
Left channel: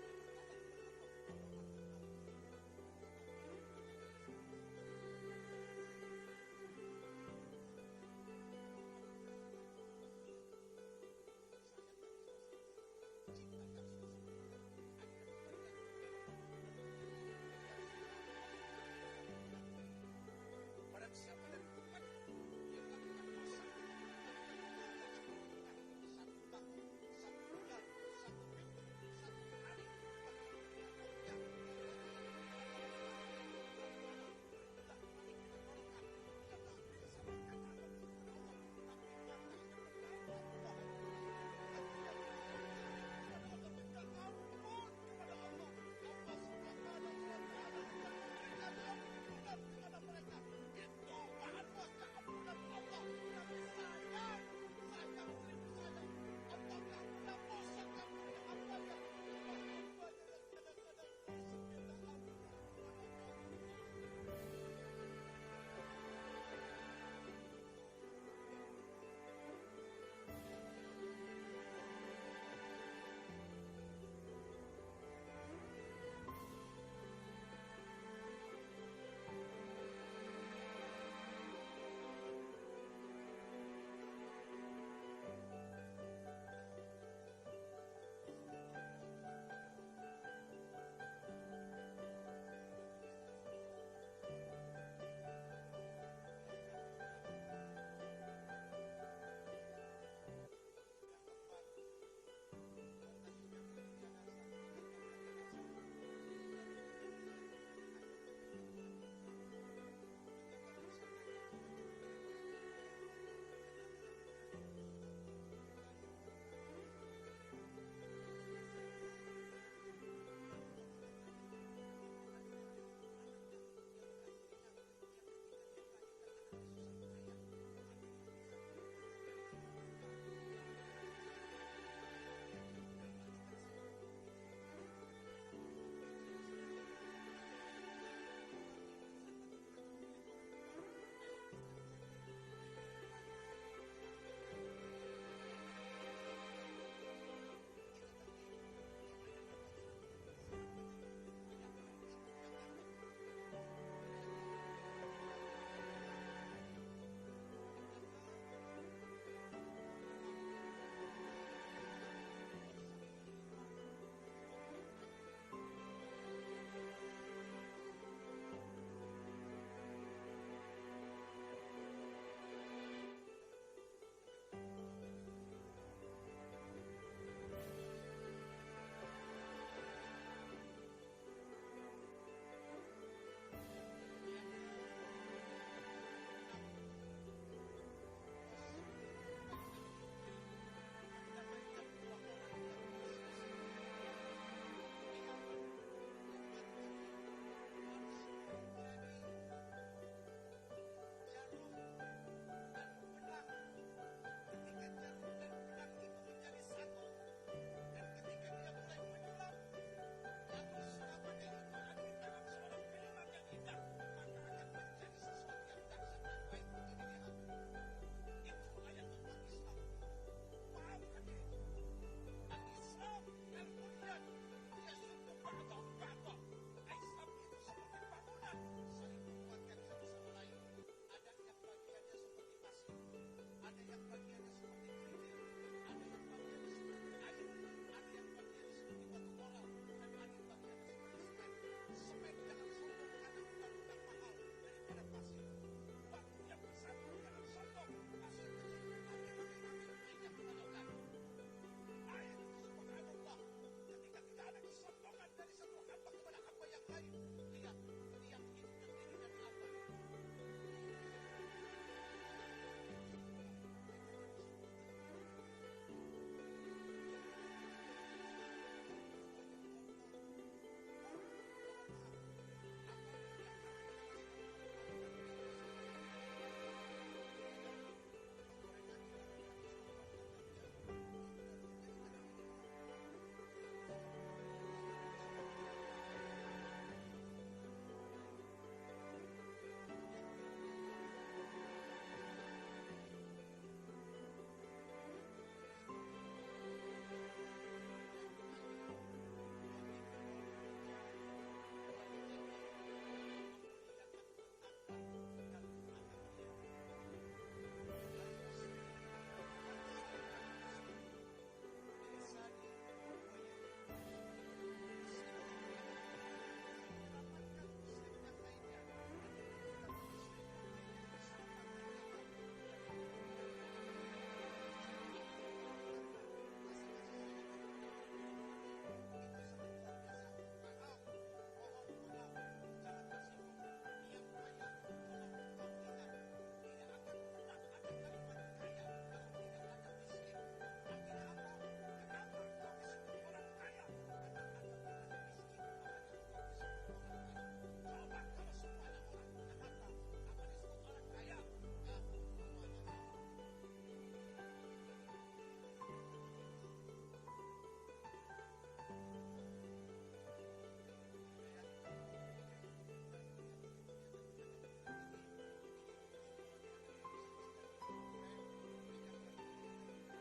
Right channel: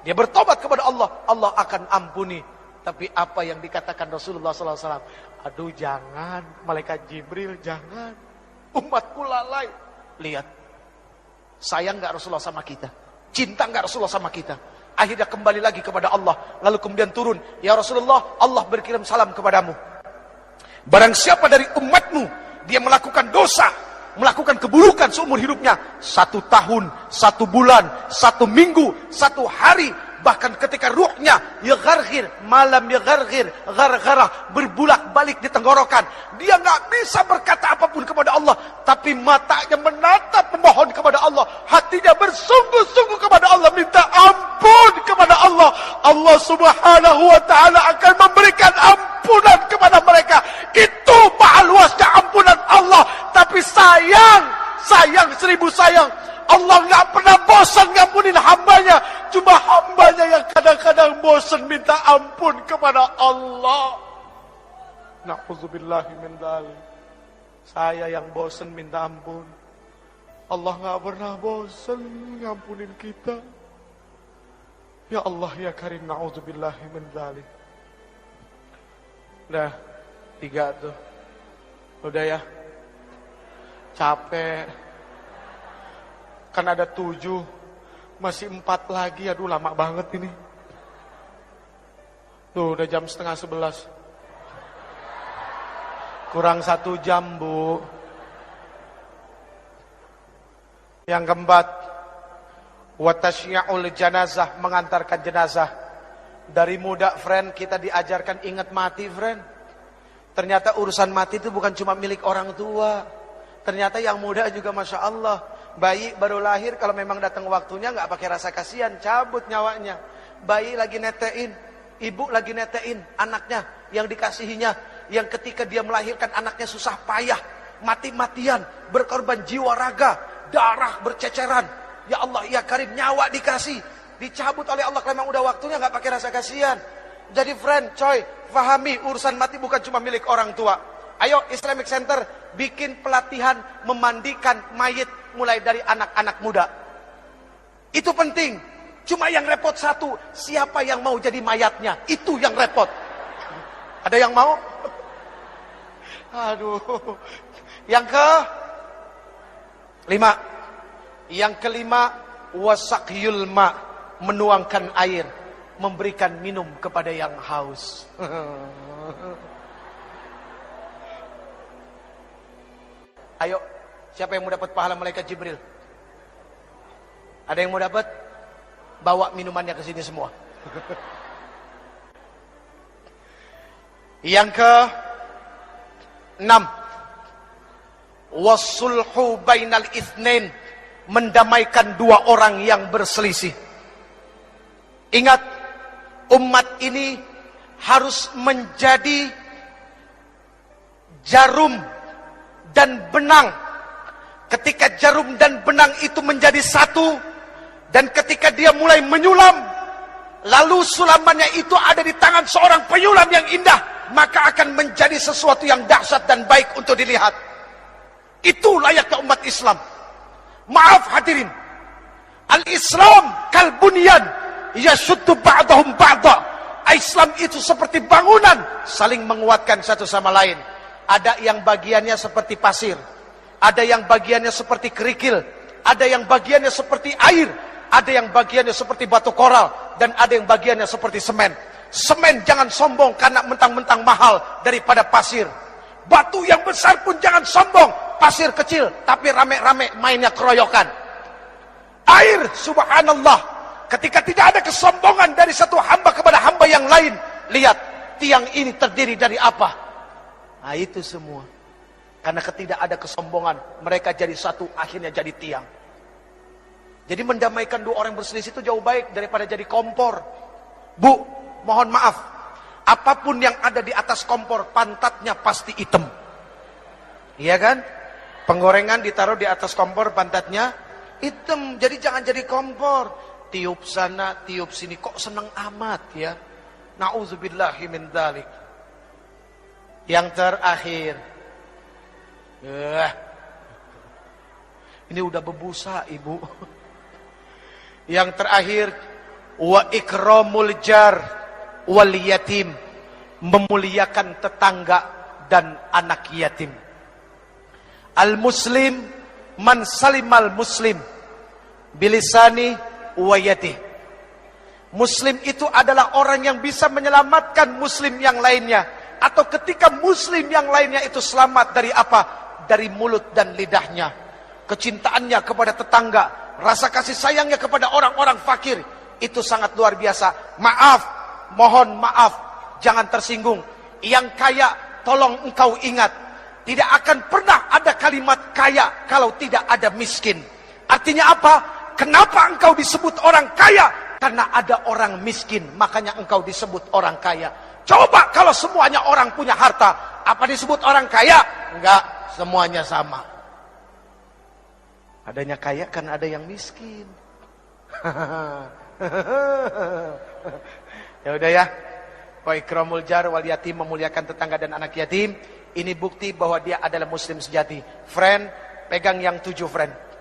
dia bertobat kepada Allah, Allah akan ampuni. Tapi apa yang dikatakan Rasulullah SAW? Aduh jangan, malaikat Jibril jangan. Umatku lalai. Lihat, sayang gak Rasulullah sama kita? Cinta gak Rasulullah sama kita? Akhirnya kembali lagi kepada Allah. Lalu kemudian turun, ya Rasulullah, Allah berkirim salam kepadamu. Barang siapa dari umatmu, dia melakukan dosa, melakukan keburukan seumur hidupnya, 1 tahun, 1 bulan, 1 minggu, 1 hari, bahkan ketika ruhnya yagargir, malam yagargir, gargarah, berbulak-balik di tenggorokan, dia nggak bisa berkata apapun kepada Allah, tapi matanya menatap memohon kepada Allah, hatinya bersungguh-sungguh kepada Allah, minta ampun kepada Allah. Allah Subhanahu wa taala akan memberikan ampunan kepada mereka. Itu maha luasnya ampunan Allah. Tapi sayang 1000 sayang, Allah nggak pernah bosan ngampunin hambanya. Cuma hambanya yang kadang-kadang bosan minta ampun kepada Allah. Na'udzubillahi min dzalik. Saya yang bosan minta ampun. Allah nggak pernah bosan ngampunin kita. Ya Allah ya Karim, na'udzubillahi min dzalik. Udah 3 tuh. Udah ya. Capek. Kan ada 7, masih 4 lagi. Aduh lama banget ini. Tuh udah jam 10:30. Kurang 1 jam Bu. Yang keempat, watasyi'ul janazah, mengantarkan jenazah. Dari muda friend kita diajarkan ingat mati friend. Ternyata urusan mati itu bukan cuma milik orang tua. Ternyata yang muda juga Masya Allah. Bayi baru lahir, kalau memang datang waktunya nggak pakai rasa kasihan, cabut nyawanya. Bayi lagi netein, ibu lagi netein anaknya yang dikasihinya, yang ketika dia melahirkan anaknya susah payah, mati-matian, berkorban jiwa raga, darah berceceran. Ya Allah ya Karim, nyawa dikasih, dicabut oleh Allah kalau memang udah waktunya, nggak pakai rasa kasihan. Jadi friend, coy, pahami urusan mati bukan cuma milik orang tua. Ayo Islamic Center bikin pelatihan memandikan mayit mulai dari anak-anak muda. Itu penting. Cuma yang repot satu, siapa yang mau jadi mayatnya? Itu yang repot. Ada yang mau? Aduh. Yang ke-5. Yang ke-5, wasakyul ma, menuangkan air, memberikan minum kepada yang haus. Ayo, siapa yang mau dapat pahala malaikat Jibril? Ada yang mau dapat? Bawa minumannya ke sini semua. Yang ke-6, wasulhu bainal itsnain, mendamaikan 2 orang yang berselisih. Ingat, umat ini harus menjadi jarum dan benang. Ketika jarum dan benang itu menjadi satu, dan ketika dia mulai menyulam, lalu sulamannya itu ada di tangan seorang penyulam yang indah, maka akan menjadi sesuatu yang dahsyat dan baik untuk dilihat. Itu layaknya umat Islam. Maaf hadirin, al-Islam kalbunyan yashuddu ba'dahum ba'da. Islam itu seperti bangunan, saling menguatkan satu sama lain. Ada yang bagiannya seperti pasir, ada yang bagiannya seperti kerikil, ada yang bagiannya seperti air, ada yang bagiannya seperti batu koral, dan ada yang bagiannya seperti semen. Semen jangan sombong karena mentang-mentang mahal daripada pasir. Batu yang besar pun jangan sombong, pasir kecil tapi rame-rame mainnya keroyokan. Air, subhanallah, ketika tidak ada kesombongan dari satu hamba kepada hamba yang lain. Lihat, tiang ini terdiri dari apa? Nah itu semua. Karena ketika ada kesombongan, mereka jadi satu, akhirnya jadi tiang. Jadi mendamaikan 2 orang berselisih itu jauh baik daripada jadi kompor. Bu, mohon maaf, apapun yang ada di atas kompor, pantatnya pasti hitam. Iya kan? Penggorengan ditaruh di atas kompor, pantatnya hitam. Jadi jangan jadi kompor. Tiup sana, tiup sini, kok seneng amat ya. Na'udzubillahi min dzalik. Yang terakhir, ini udah berbusa ibu. Yang terakhir, wa ikramul jar, wal yatim, memuliakan tetangga dan anak yatim. Al-muslim man salimal muslim bilisani wa yadih. Muslim itu adalah orang yang bisa menyelamatkan muslim yang lainnya, atau ketika muslim yang lainnya itu selamat dari apa? Dari mulut dan lidahnya. Kecintaannya kepada tetangga, rasa kasih sayangnya kepada orang-orang fakir, itu sangat luar biasa. Maaf, mohon maaf, jangan tersinggung. Yang kaya, tolong engkau ingat, tidak akan pernah ada kalimat kaya kalau tidak ada miskin. Artinya apa? Kenapa engkau disebut orang kaya? Karena ada orang miskin, makanya engkau disebut orang kaya. Coba kalau semuanya orang punya harta, apa disebut orang kaya? Enggak, semuanya sama. Adanya kaya karena ada yang miskin. Ya udah ya. Wa ikramul jar wal yatim, memuliakan tetangga dan anak yatim. Ini bukti bahwa dia adalah muslim sejati. Friend, pegang yang 7 friend.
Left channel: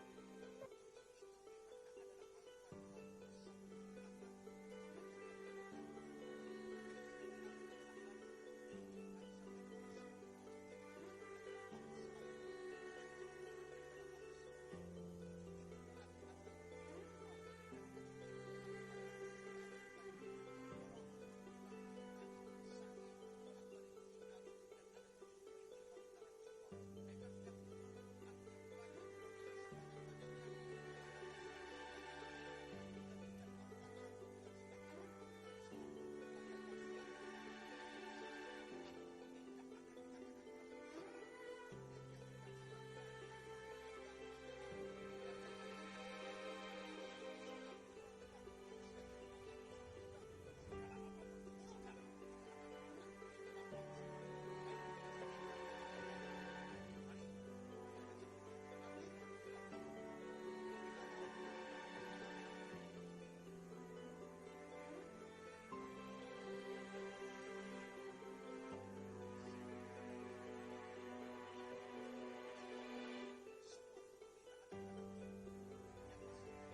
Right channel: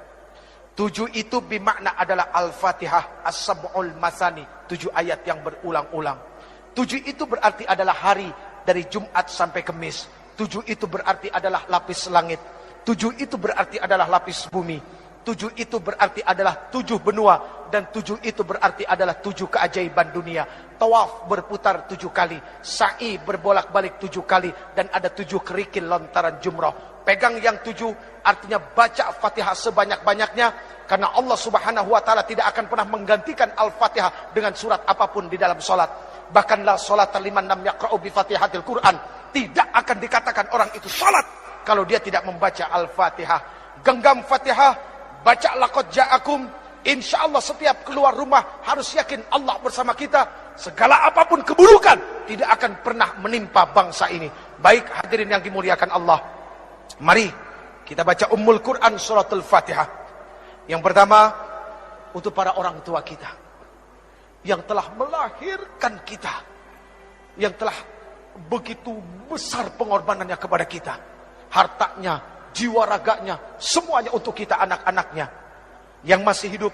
7 itu bermakna adalah Al-Fatihah, As-Sab'ul Masani, 7 ayat yang berulang-ulang. 7 itu berarti adalah hari dari Jumat sampai Kamis. 7 itu berarti adalah lapis langit. 7 itu berarti adalah lapis bumi. 7 itu berarti adalah 7 benua. Dan 7 itu berarti adalah 7 keajaiban dunia. Tawaf berputar 7 kali. Sa'i berbolak-balik 7 kali. Dan ada 7 kerikil lontaran jumrah. Pegang yang 7, artinya baca Fatihah sebanyak-banyaknya. Karena Allah subhanahu wa ta'ala tidak akan pernah menggantikan Al-Fatihah dengan surat apapun di dalam solat. Bahkan la solat liman lam yaqra'u bi Fatihatil Quran. Tidak akan dikatakan orang itu solat kalau dia tidak membaca Al-Fatihah. Genggam Fatihah, baca laqad ja'akum. Insya Allah setiap keluar rumah harus yakin Allah bersama kita. Segala apapun keburukan tidak akan pernah menimpa bangsa ini. Baik hadirin yang dimuliakan Allah, mari kita baca Ummul Quran suratul Fatihah. Yang pertama, untuk para orang tua kita yang telah melahirkan kita, yang telah begitu besar pengorbanannya kepada kita, hartanya, jiwa raganya, semuanya untuk kita anak-anaknya yang masih hidup.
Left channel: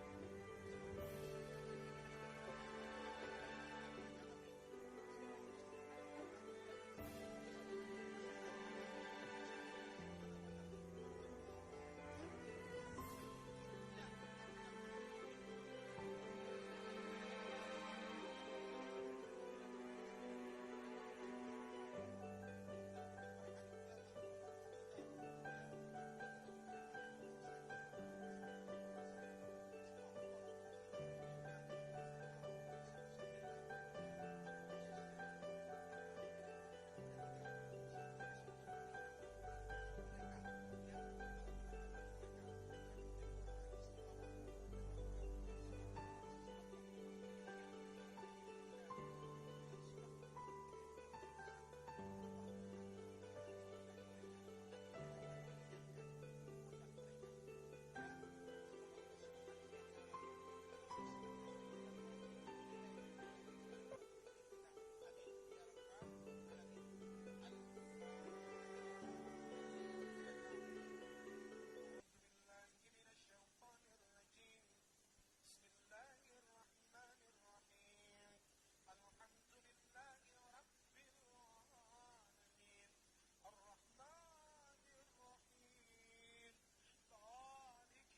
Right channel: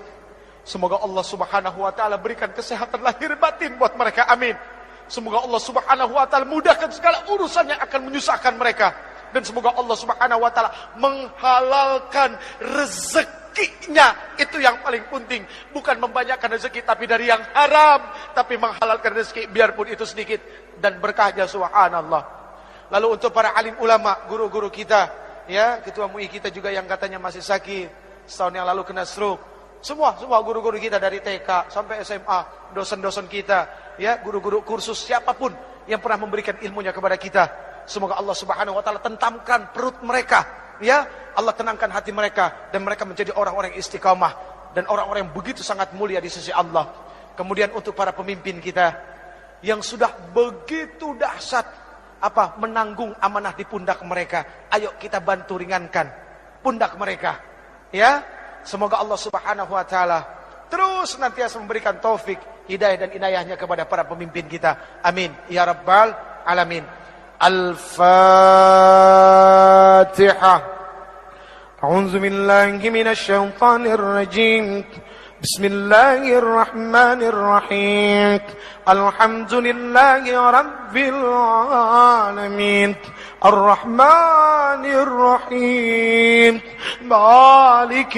Semoga Allah subhanahu wa ta'ala berikan kesehatan lahir batin buat mereka, amin. Semoga Allah subhanahu wa ta'ala mudahkan segala urusan yang akan menyusahkan mereka. Dan semoga Allah subhanahu wa ta'ala menghalalkan rezekinya. Itu yang paling penting. Bukan membanyakkan rezeki tapi dari yang haram, tapi menghalalkan rezeki biarpun itu sedikit dan berkahnya, subhanallah. Lalu untuk para alim ulama, guru-guru kita, ya, ketua MUI kita juga yang katanya masih sakit, setahun yang lalu kena stroke. Semua guru-guru kita dari TK sampai SMA, dosen-dosen kita, ya, guru-guru kursus, siapapun yang pernah memberikan ilmunya kepada kita, semoga Allah subhanahu wa ta'ala tentamkan perut mereka, ya, Allah tenangkan hati mereka, dan mereka menjadi orang-orang yang istiqamah dan orang-orang yang begitu sangat mulia di sisi Allah. Kemudian untuk para pemimpin kita yang sudah begitu dahsyat menanggung amanah di pundak mereka, ayo kita bantu ringankan pundak mereka, ya. Semoga Allah subhanahu wa ta'ala terus nantiasa memberikan taufik, hidayah dan inayahnya kepada para pemimpin kita, amin ya rabbal alamin. Al-Fatihah. A'udzu billahi minasy syaithanir rajim. Bismillahir rahmanir rahim. Alhamdulillahi rabbil alamin. Ar-Rahmanir Rahim. Maliki